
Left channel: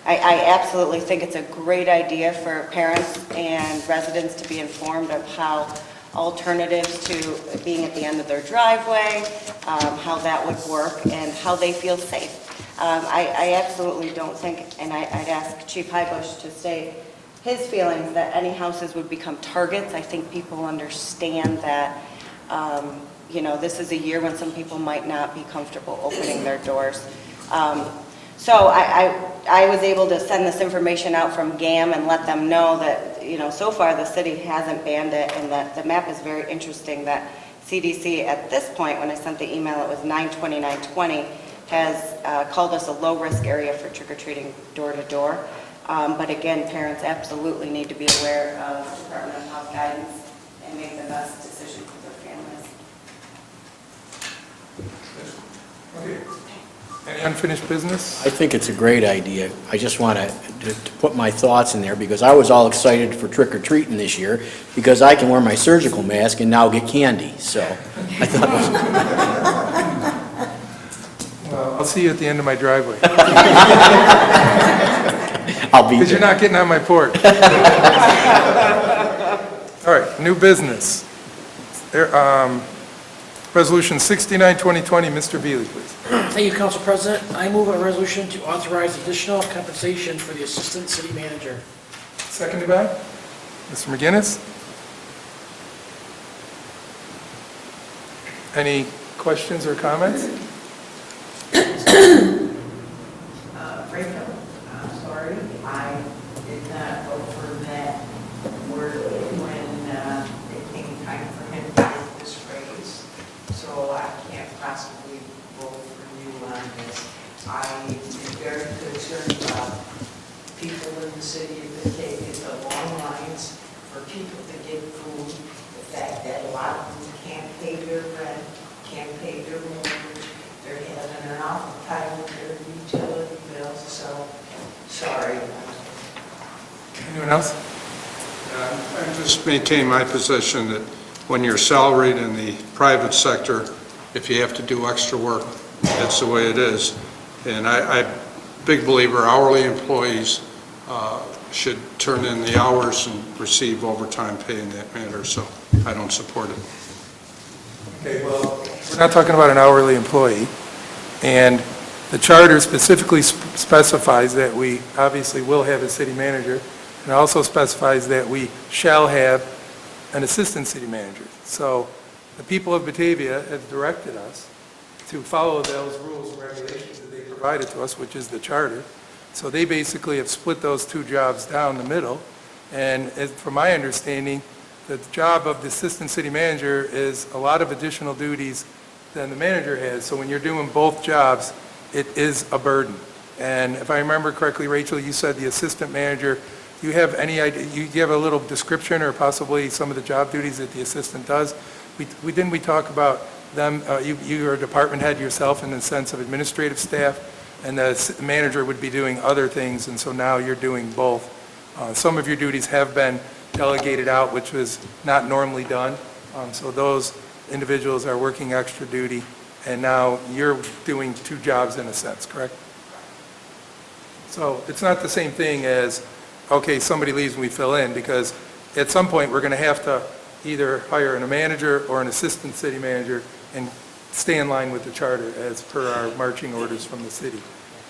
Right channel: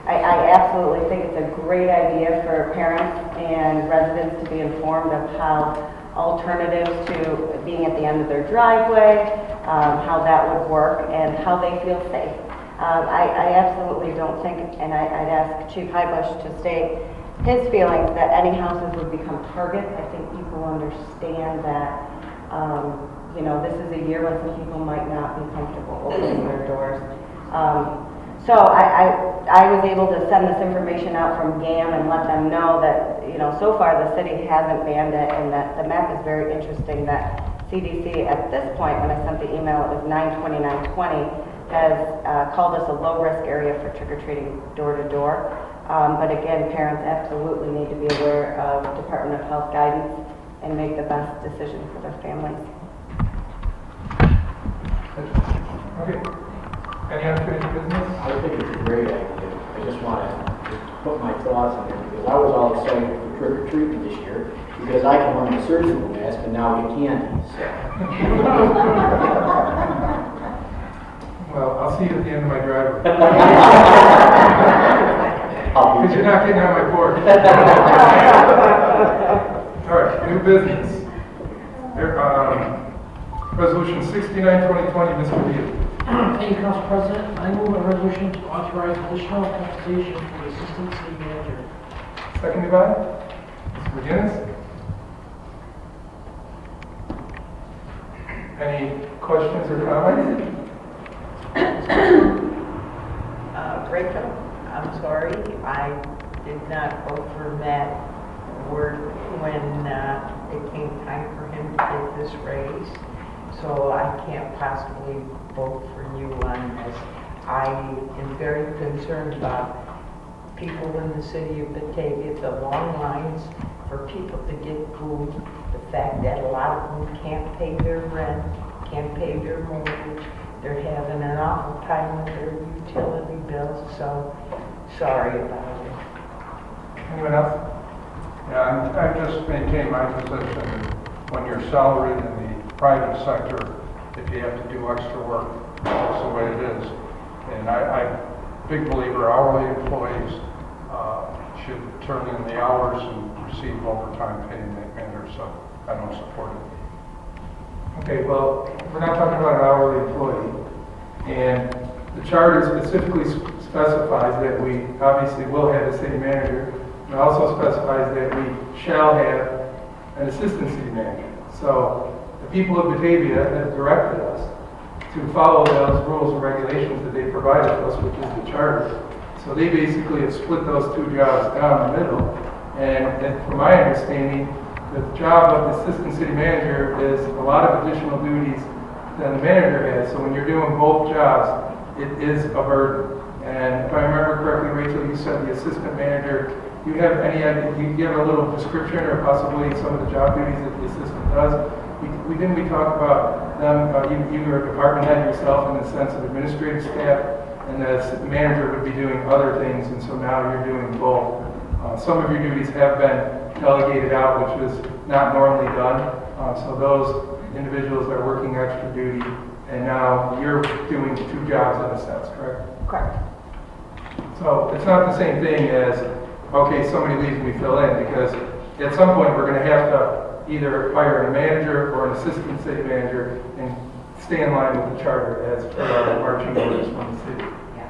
I absolutely think it's a great idea for parents and residents to be informed of how alternatives to being at the end of their driveway, how that would work, and how they feel safe. I absolutely don't think, and I'd ask Chief Highbush to state his feelings that any houses would become targets. I think people understand that, this is a year when some people might not be comfortable opening their doors. So I was able to send this information out from GAM and let them know that, so far the city hasn't banned it, and that the map is very interesting that CDC at this point, when I sent the email, it was 9/20/2020, has called us a low-risk area for trick-or-treating door-to-door. But again, parents absolutely need to be aware of Department of Health guidance and make the best decision for their families. Okay. Any unfinished business? I think it's a great idea. I just want to put my thoughts in there because I was all excited for trick-or-treating this year because I can wear my surgical mask and now get candy, so. Well, I'll see you at the end of my driveway. I'll be Because you're there. not getting on my porch. All right, new business. Resolution 69/2020, Mr. Veely, please. Thank you, Council President. I move a resolution to authorize additional compensation for the Assistant City Manager. Seconded by Mr. McGinnis. Any questions or comments? Rachel, I'm sorry, I did not vote for that word when it came time for him to get this raise, so I can't possibly vote for you on this. I am very concerned about people in the city of Batavia, the long lines for people to get food, the fact that a lot of them can't pay their rent, can't pay their mortgage, they're having an awful time with their utility bills, so sorry about it. Anyone else? I just maintain my position that when you're salaried in the private sector, if you have to do extra work, that's the way it is. And I'm a big believer hourly employees should turn in the hours and receive overtime pay in that manner, so I don't support it. Okay, well, we're not talking about an hourly employee, and the charter specifically specifies that we obviously will have a city manager, and it also specifies that we shall have an assistant city manager. So the people of Batavia have directed us to follow those rules and regulations that they provided to us, which is the charter. So they basically have split those two jobs down the middle, and from my understanding, the job of the assistant city manager is a lot of additional duties than the manager has. So when you're doing both jobs, it is a burden. And if I remember correctly, Rachel, you said the assistant manager, do you have any idea, you give a little description or possibly some of the job duties that the assistant does? Didn't we talk about them, you are a department head yourself in the sense of administrative staff, and the manager would be doing other things, and so now you're doing both. Some of your duties have been delegated out, which was not normally done. So those individuals are working extra duty, and now you're doing two jobs in a sense, correct? Correct. So it's not the same thing as, okay, somebody leaves and we fill in, because at some point we're going to have to either hire a manager or an assistant city manager and stay in line with the charter as per our marching orders from the city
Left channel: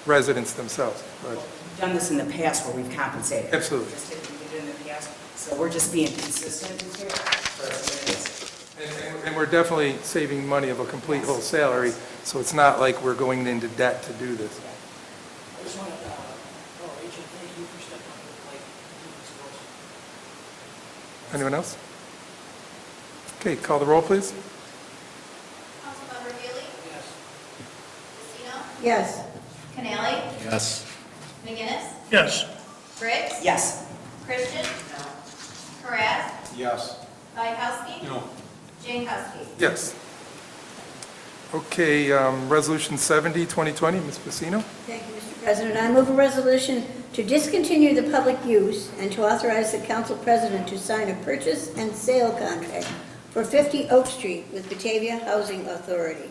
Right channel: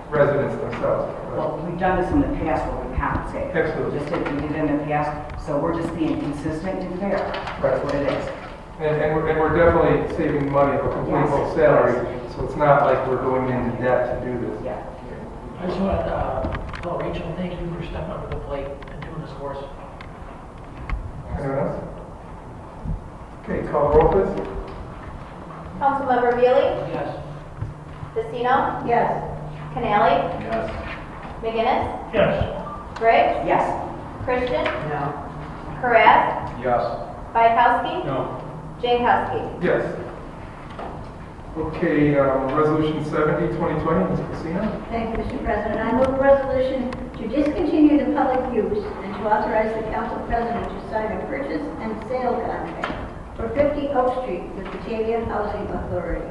residents themselves. Well, we've done this in the past where we've compensated. Absolutely. Just did it in the past, so we're just being consistent and fair. That's what it is. And we're definitely saving money of a complete full salary, so it's not like we're going into debt to do this. Yeah. I just want to, Rachel, thank you for stepping up to the plate and doing this for us. Anyone else? Okay, call the roll, please. Councilmember Veely? Yes. Vecino? Yes. Canali? Yes. McGinnis? Yes. Briggs? Yes. Christian? No. Karas? Yes. Bayakowski? No. Jankowski? Yes. Okay, Resolution 70, 2020, Ms. Vecino. Thank you, Mr. President. I move a resolution to discontinue the public use and to authorize the council president to sign a purchase and sale contract for 50 Oak Street with Batavia Housing Authority.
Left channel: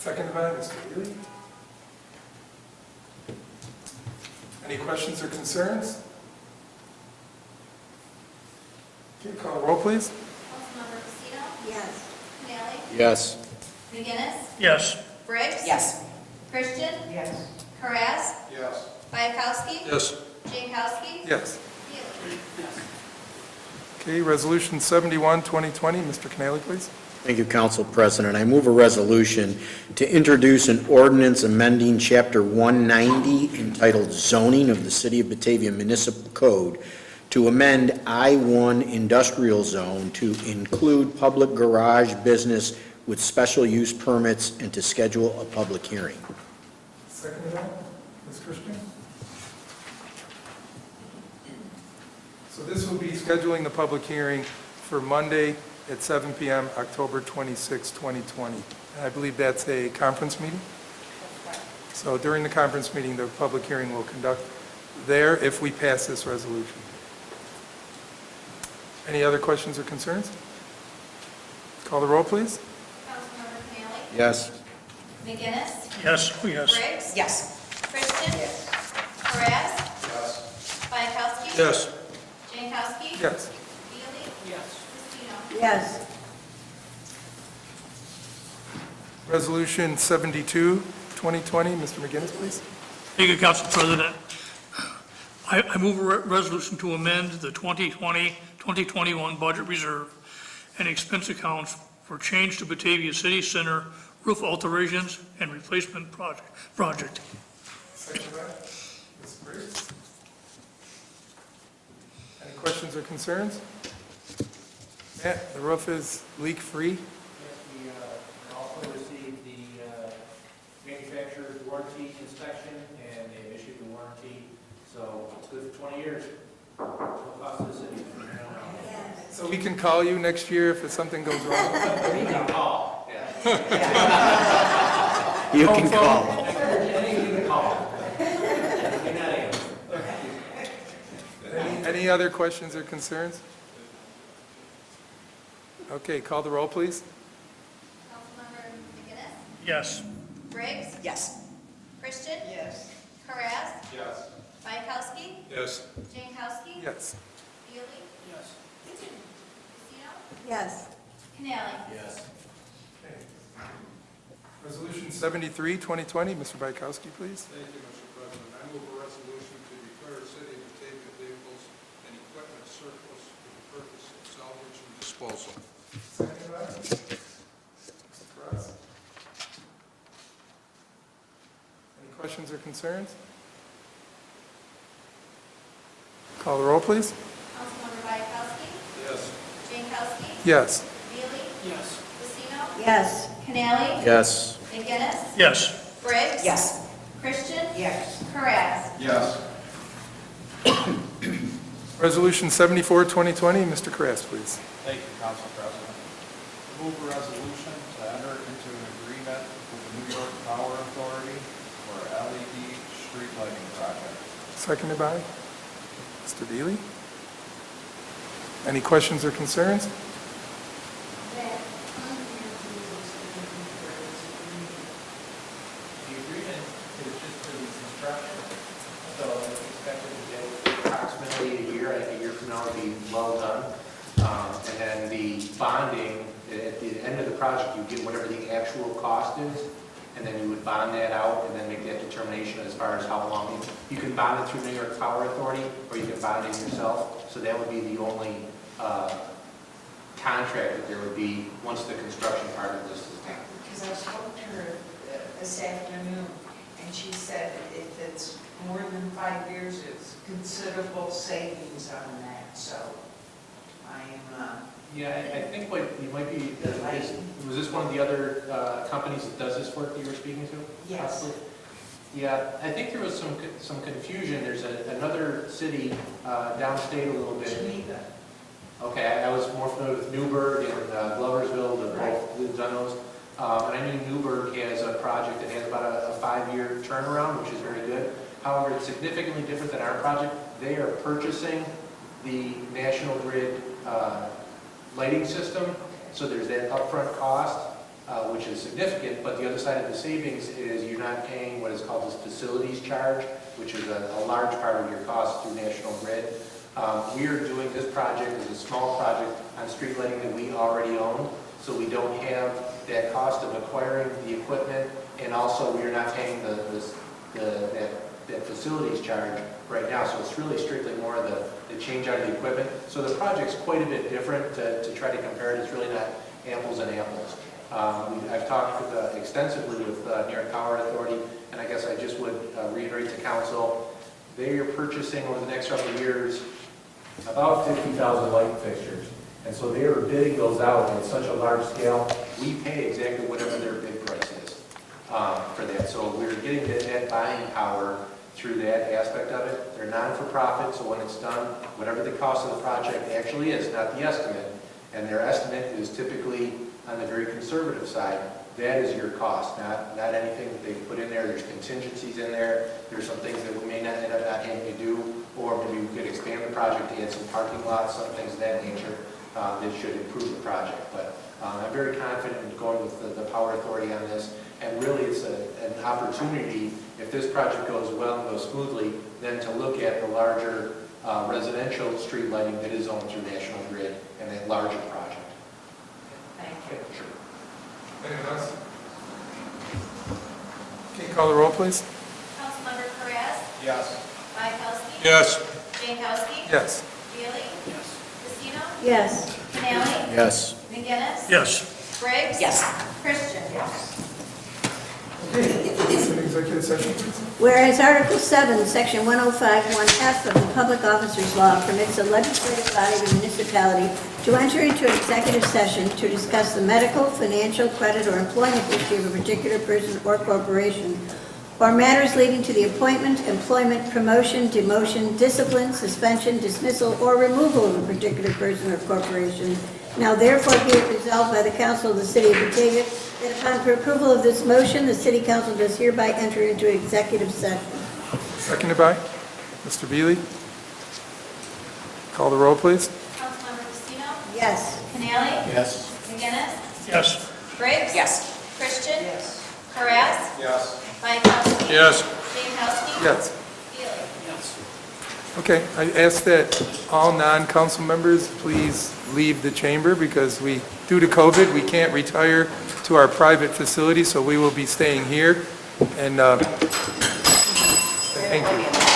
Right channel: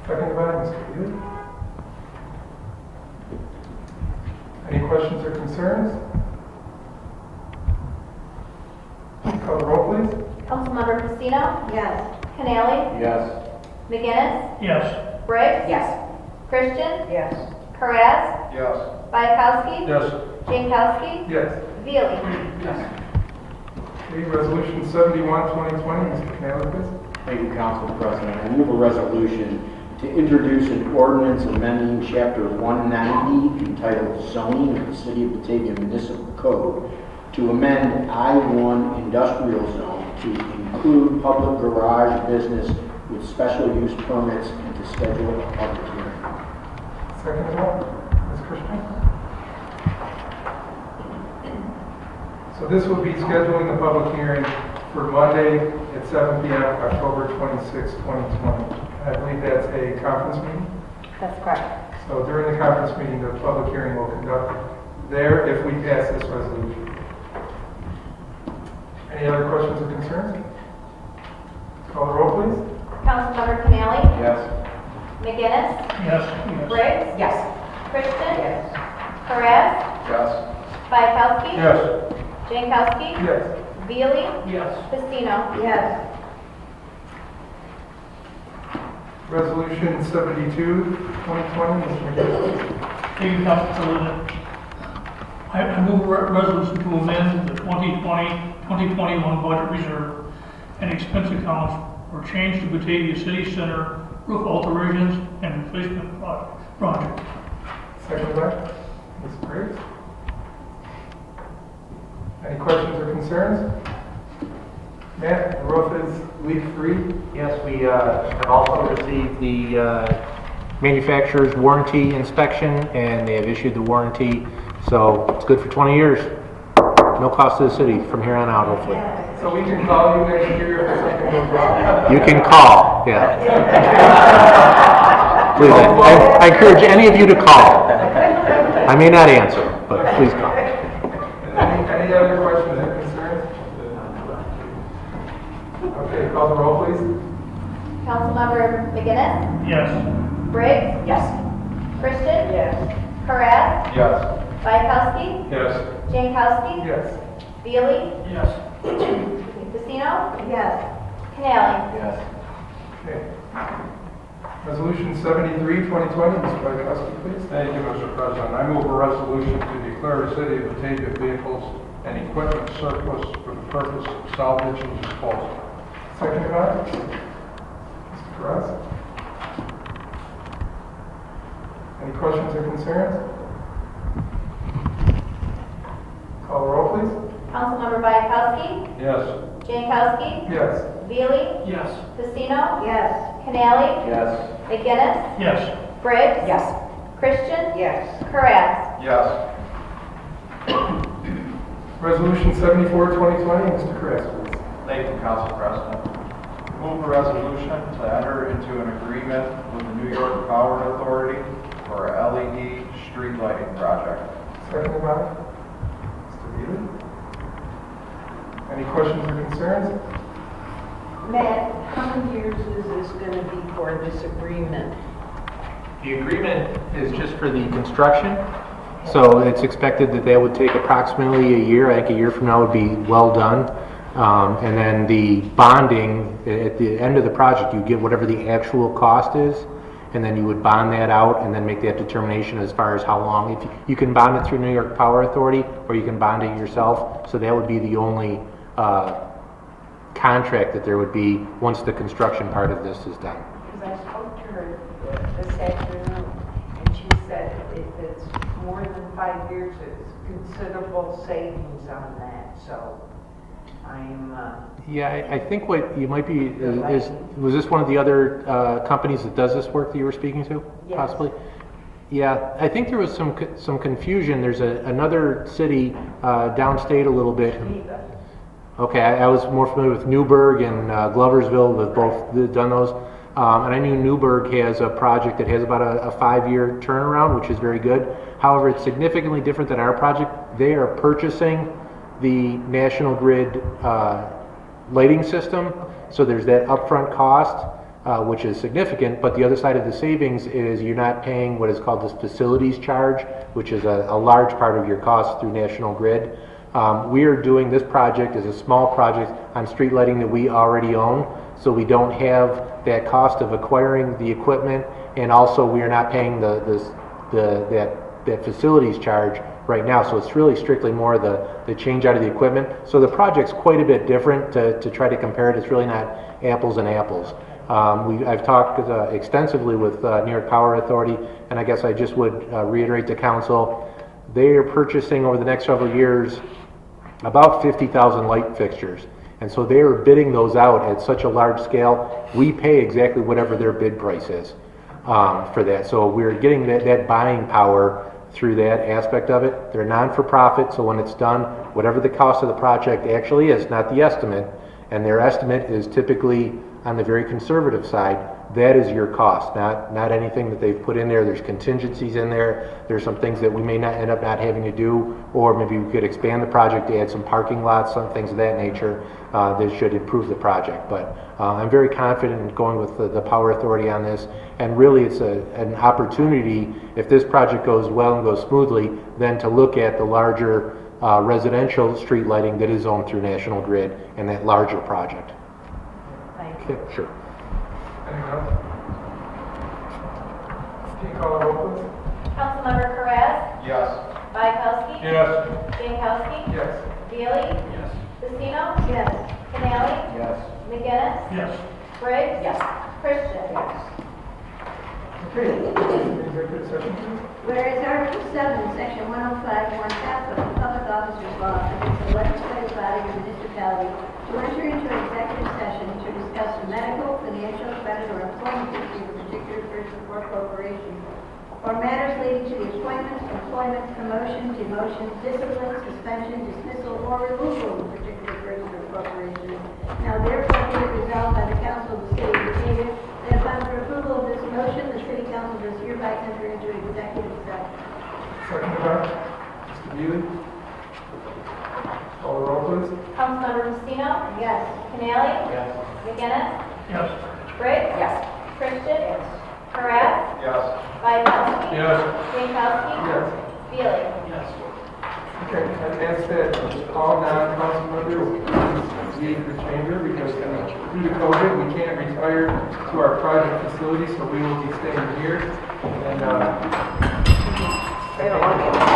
Second by Mr. Lee. Any questions or concerns? Call the roll, please. Councilmember Casino? Yes. Canali? Yes. McGinnis? Yes. Briggs? Yes. Christian? Yes. Karas? Yes. Bayakowski? Yes. Jankowski? Yes. Veely? Okay, Resolution 71, 2020, Mr. Canelo, please. Thank you, Council President. I move a resolution to introduce an ordinance amending Chapter 190 entitled Zoning of the City of Batavia Municipal Code to amend I-1 Industrial Zone to include public garage business with special use permits and to schedule a public hearing. Second of all, Ms. Christian. So this will be scheduling the public hearing for Monday at 7 p.m., October 26, 2020. I believe that's a conference meeting. That's correct. So during the conference meeting, the public hearing will conduct there if we pass this resolution. Any other questions or concerns? Call the roll, please. Councilmember Canali? Yes. McGinnis? Yes. Yes. Briggs? Yes. Christian? Yes. Karas? Yes. Bayakowski? Yes. Jankowski? Yes. Veely? Yes. Casino? Yes. Resolution 72, 2020, Mr. McGinnis, please. Thank you, Council President. I move a resolution to amend the 2020-2021 budget reserve and expense account for change to Batavia City Center roof alterations and replacement project. Second by Ms. Briggs. Any questions or concerns? Matt, the roof is leak-free. Yes, we have also received the manufacturer's warranty inspection, and they have issued the warranty, so it's good for 20 years. No cost to the city from here on out, hopefully. So we can call you next year if something goes wrong. You can call, yeah. Please, I encourage any of you to call. I may not answer, but please call. Any other questions or concerns? Okay, call the roll, please. Councilmember McGinnis? Yes. Briggs? Yes. Christian? Yes. Karas? Yes. Bayakowski? Yes. Jankowski? Yes. Veely? Yes. Casino? Yes. Canali? Yes. Okay. Resolution 73, 2020, Mr. Bayakowski, please. Thank you, Mr. President. I move a resolution to declare the city of Batavia vehicles and equipment surplus for the purpose of salvage and disposal. Second by Mr. Karas. Any questions or concerns? Call the roll, please. Councilmember Bayakowski? Yes. Jankowski? Yes. Veely? Yes. Casino? Yes. Canali? Yes. McGinnis? Yes. Briggs? Yes. Christian? Yes. Karas? Yes. Resolution 74, 2020, Mr. Karas, please. Thank you, Council President. Move a resolution to enter into an agreement with the New York Power Authority for a LED street lighting project. Second by Mr. Veely. Any questions or concerns? Matt, how many years is this going to be for this agreement? The agreement is just for the construction, so it's expected that that would take approximately a year. I think a year from now would be well done. And then the bonding, at the end of the project, you get whatever the actual cost is, and then you would bond that out and then make that determination as far as how long. You can bond it through New York Power Authority, or you can bond it yourself, so that would be the only contract that there would be once the construction part of this is done. Because I spoke to her this afternoon, and she said if it's more than 5 years, it's considerable savings on that, so I'm, Yeah, I think what you might be, was this one of the other companies that does this work that you were speaking to? Yes. Possibly? Yeah, I think there was some confusion. There's another city downstate a little bit. Geneva. Okay, I was more familiar with Newburgh and Gloversville, they've both done those. And I knew Newburgh has a project that has about a 5-year turnaround, which is very good. However, it's significantly different than our project. They are purchasing the National Grid lighting system, so there's that upfront cost, which is significant, but the other side of the savings is you're not paying what is called this facilities charge, which is a large part of your cost through National Grid. We are doing this project as a small project on street lighting that we already own, so we don't have that cost of acquiring the equipment, and also we are not paying that facilities charge right now. So it's really strictly more the change out of the equipment. So the project's quite a bit different to try to compare it. It's really not apples and apples. I've talked extensively with New York Power Authority, and I guess I just would reiterate to council, they are purchasing over the next several years about 50,000 light fixtures. And so they are bidding those out at such a large scale, we pay exactly whatever their bid price is for that. So we're getting that buying power through that aspect of it. They're non-for-profit, so when it's done, whatever the cost of the project actually is, not the estimate, and their estimate is typically on the very conservative side, that is your cost, not anything that they've put in there. There's contingencies in there. There's some things that we may not end up not having to do, or maybe we could expand the project to add some parking lots, some things of that nature that should improve the project. But I'm very confident in going with the Power Authority on this, and really it's an opportunity, if this project goes well and goes smoothly, then to look at the larger residential street lighting that is owned through National Grid and that larger project. Thank you. Okay, sure. Anyone else? Can you call the roll, please? Councilmember Perez, Yes. Bykowski, Yes. Jankowski, Yes. Bailey, Casino, Yes. Canali, Yes. McGinnis, Yes. Briggs, Yes. Christian. Okay, executive session, please. Whereas Article 7, Section 105(1)(f) of the Public Officers Law permits a legislative body of a municipality to enter into an executive session to discuss the medical, financial, credit, or employment history of a particular person or corporation, or matters leading to the appointment, employment, promotion, demotion, discipline, suspension, dismissal, or removal of a particular person or corporation. Now therefore be it resolved by the Council of the City of Batavia that upon approval of this motion, the City Council does hereby enter into executive session. Seconded by Mr. Beely. Call the roll, please. Councilmember Casino, Yes. Canali, Yes. McGinnis, Yes. Briggs, Yes. Christian, Perez, Yes. Bykowski, Yes. Jankowski, Yes. Bailey. Okay, I ask that all non-council members please leave the chamber because due to COVID, we can't retire to our private facility, so we will be staying here. And thank you.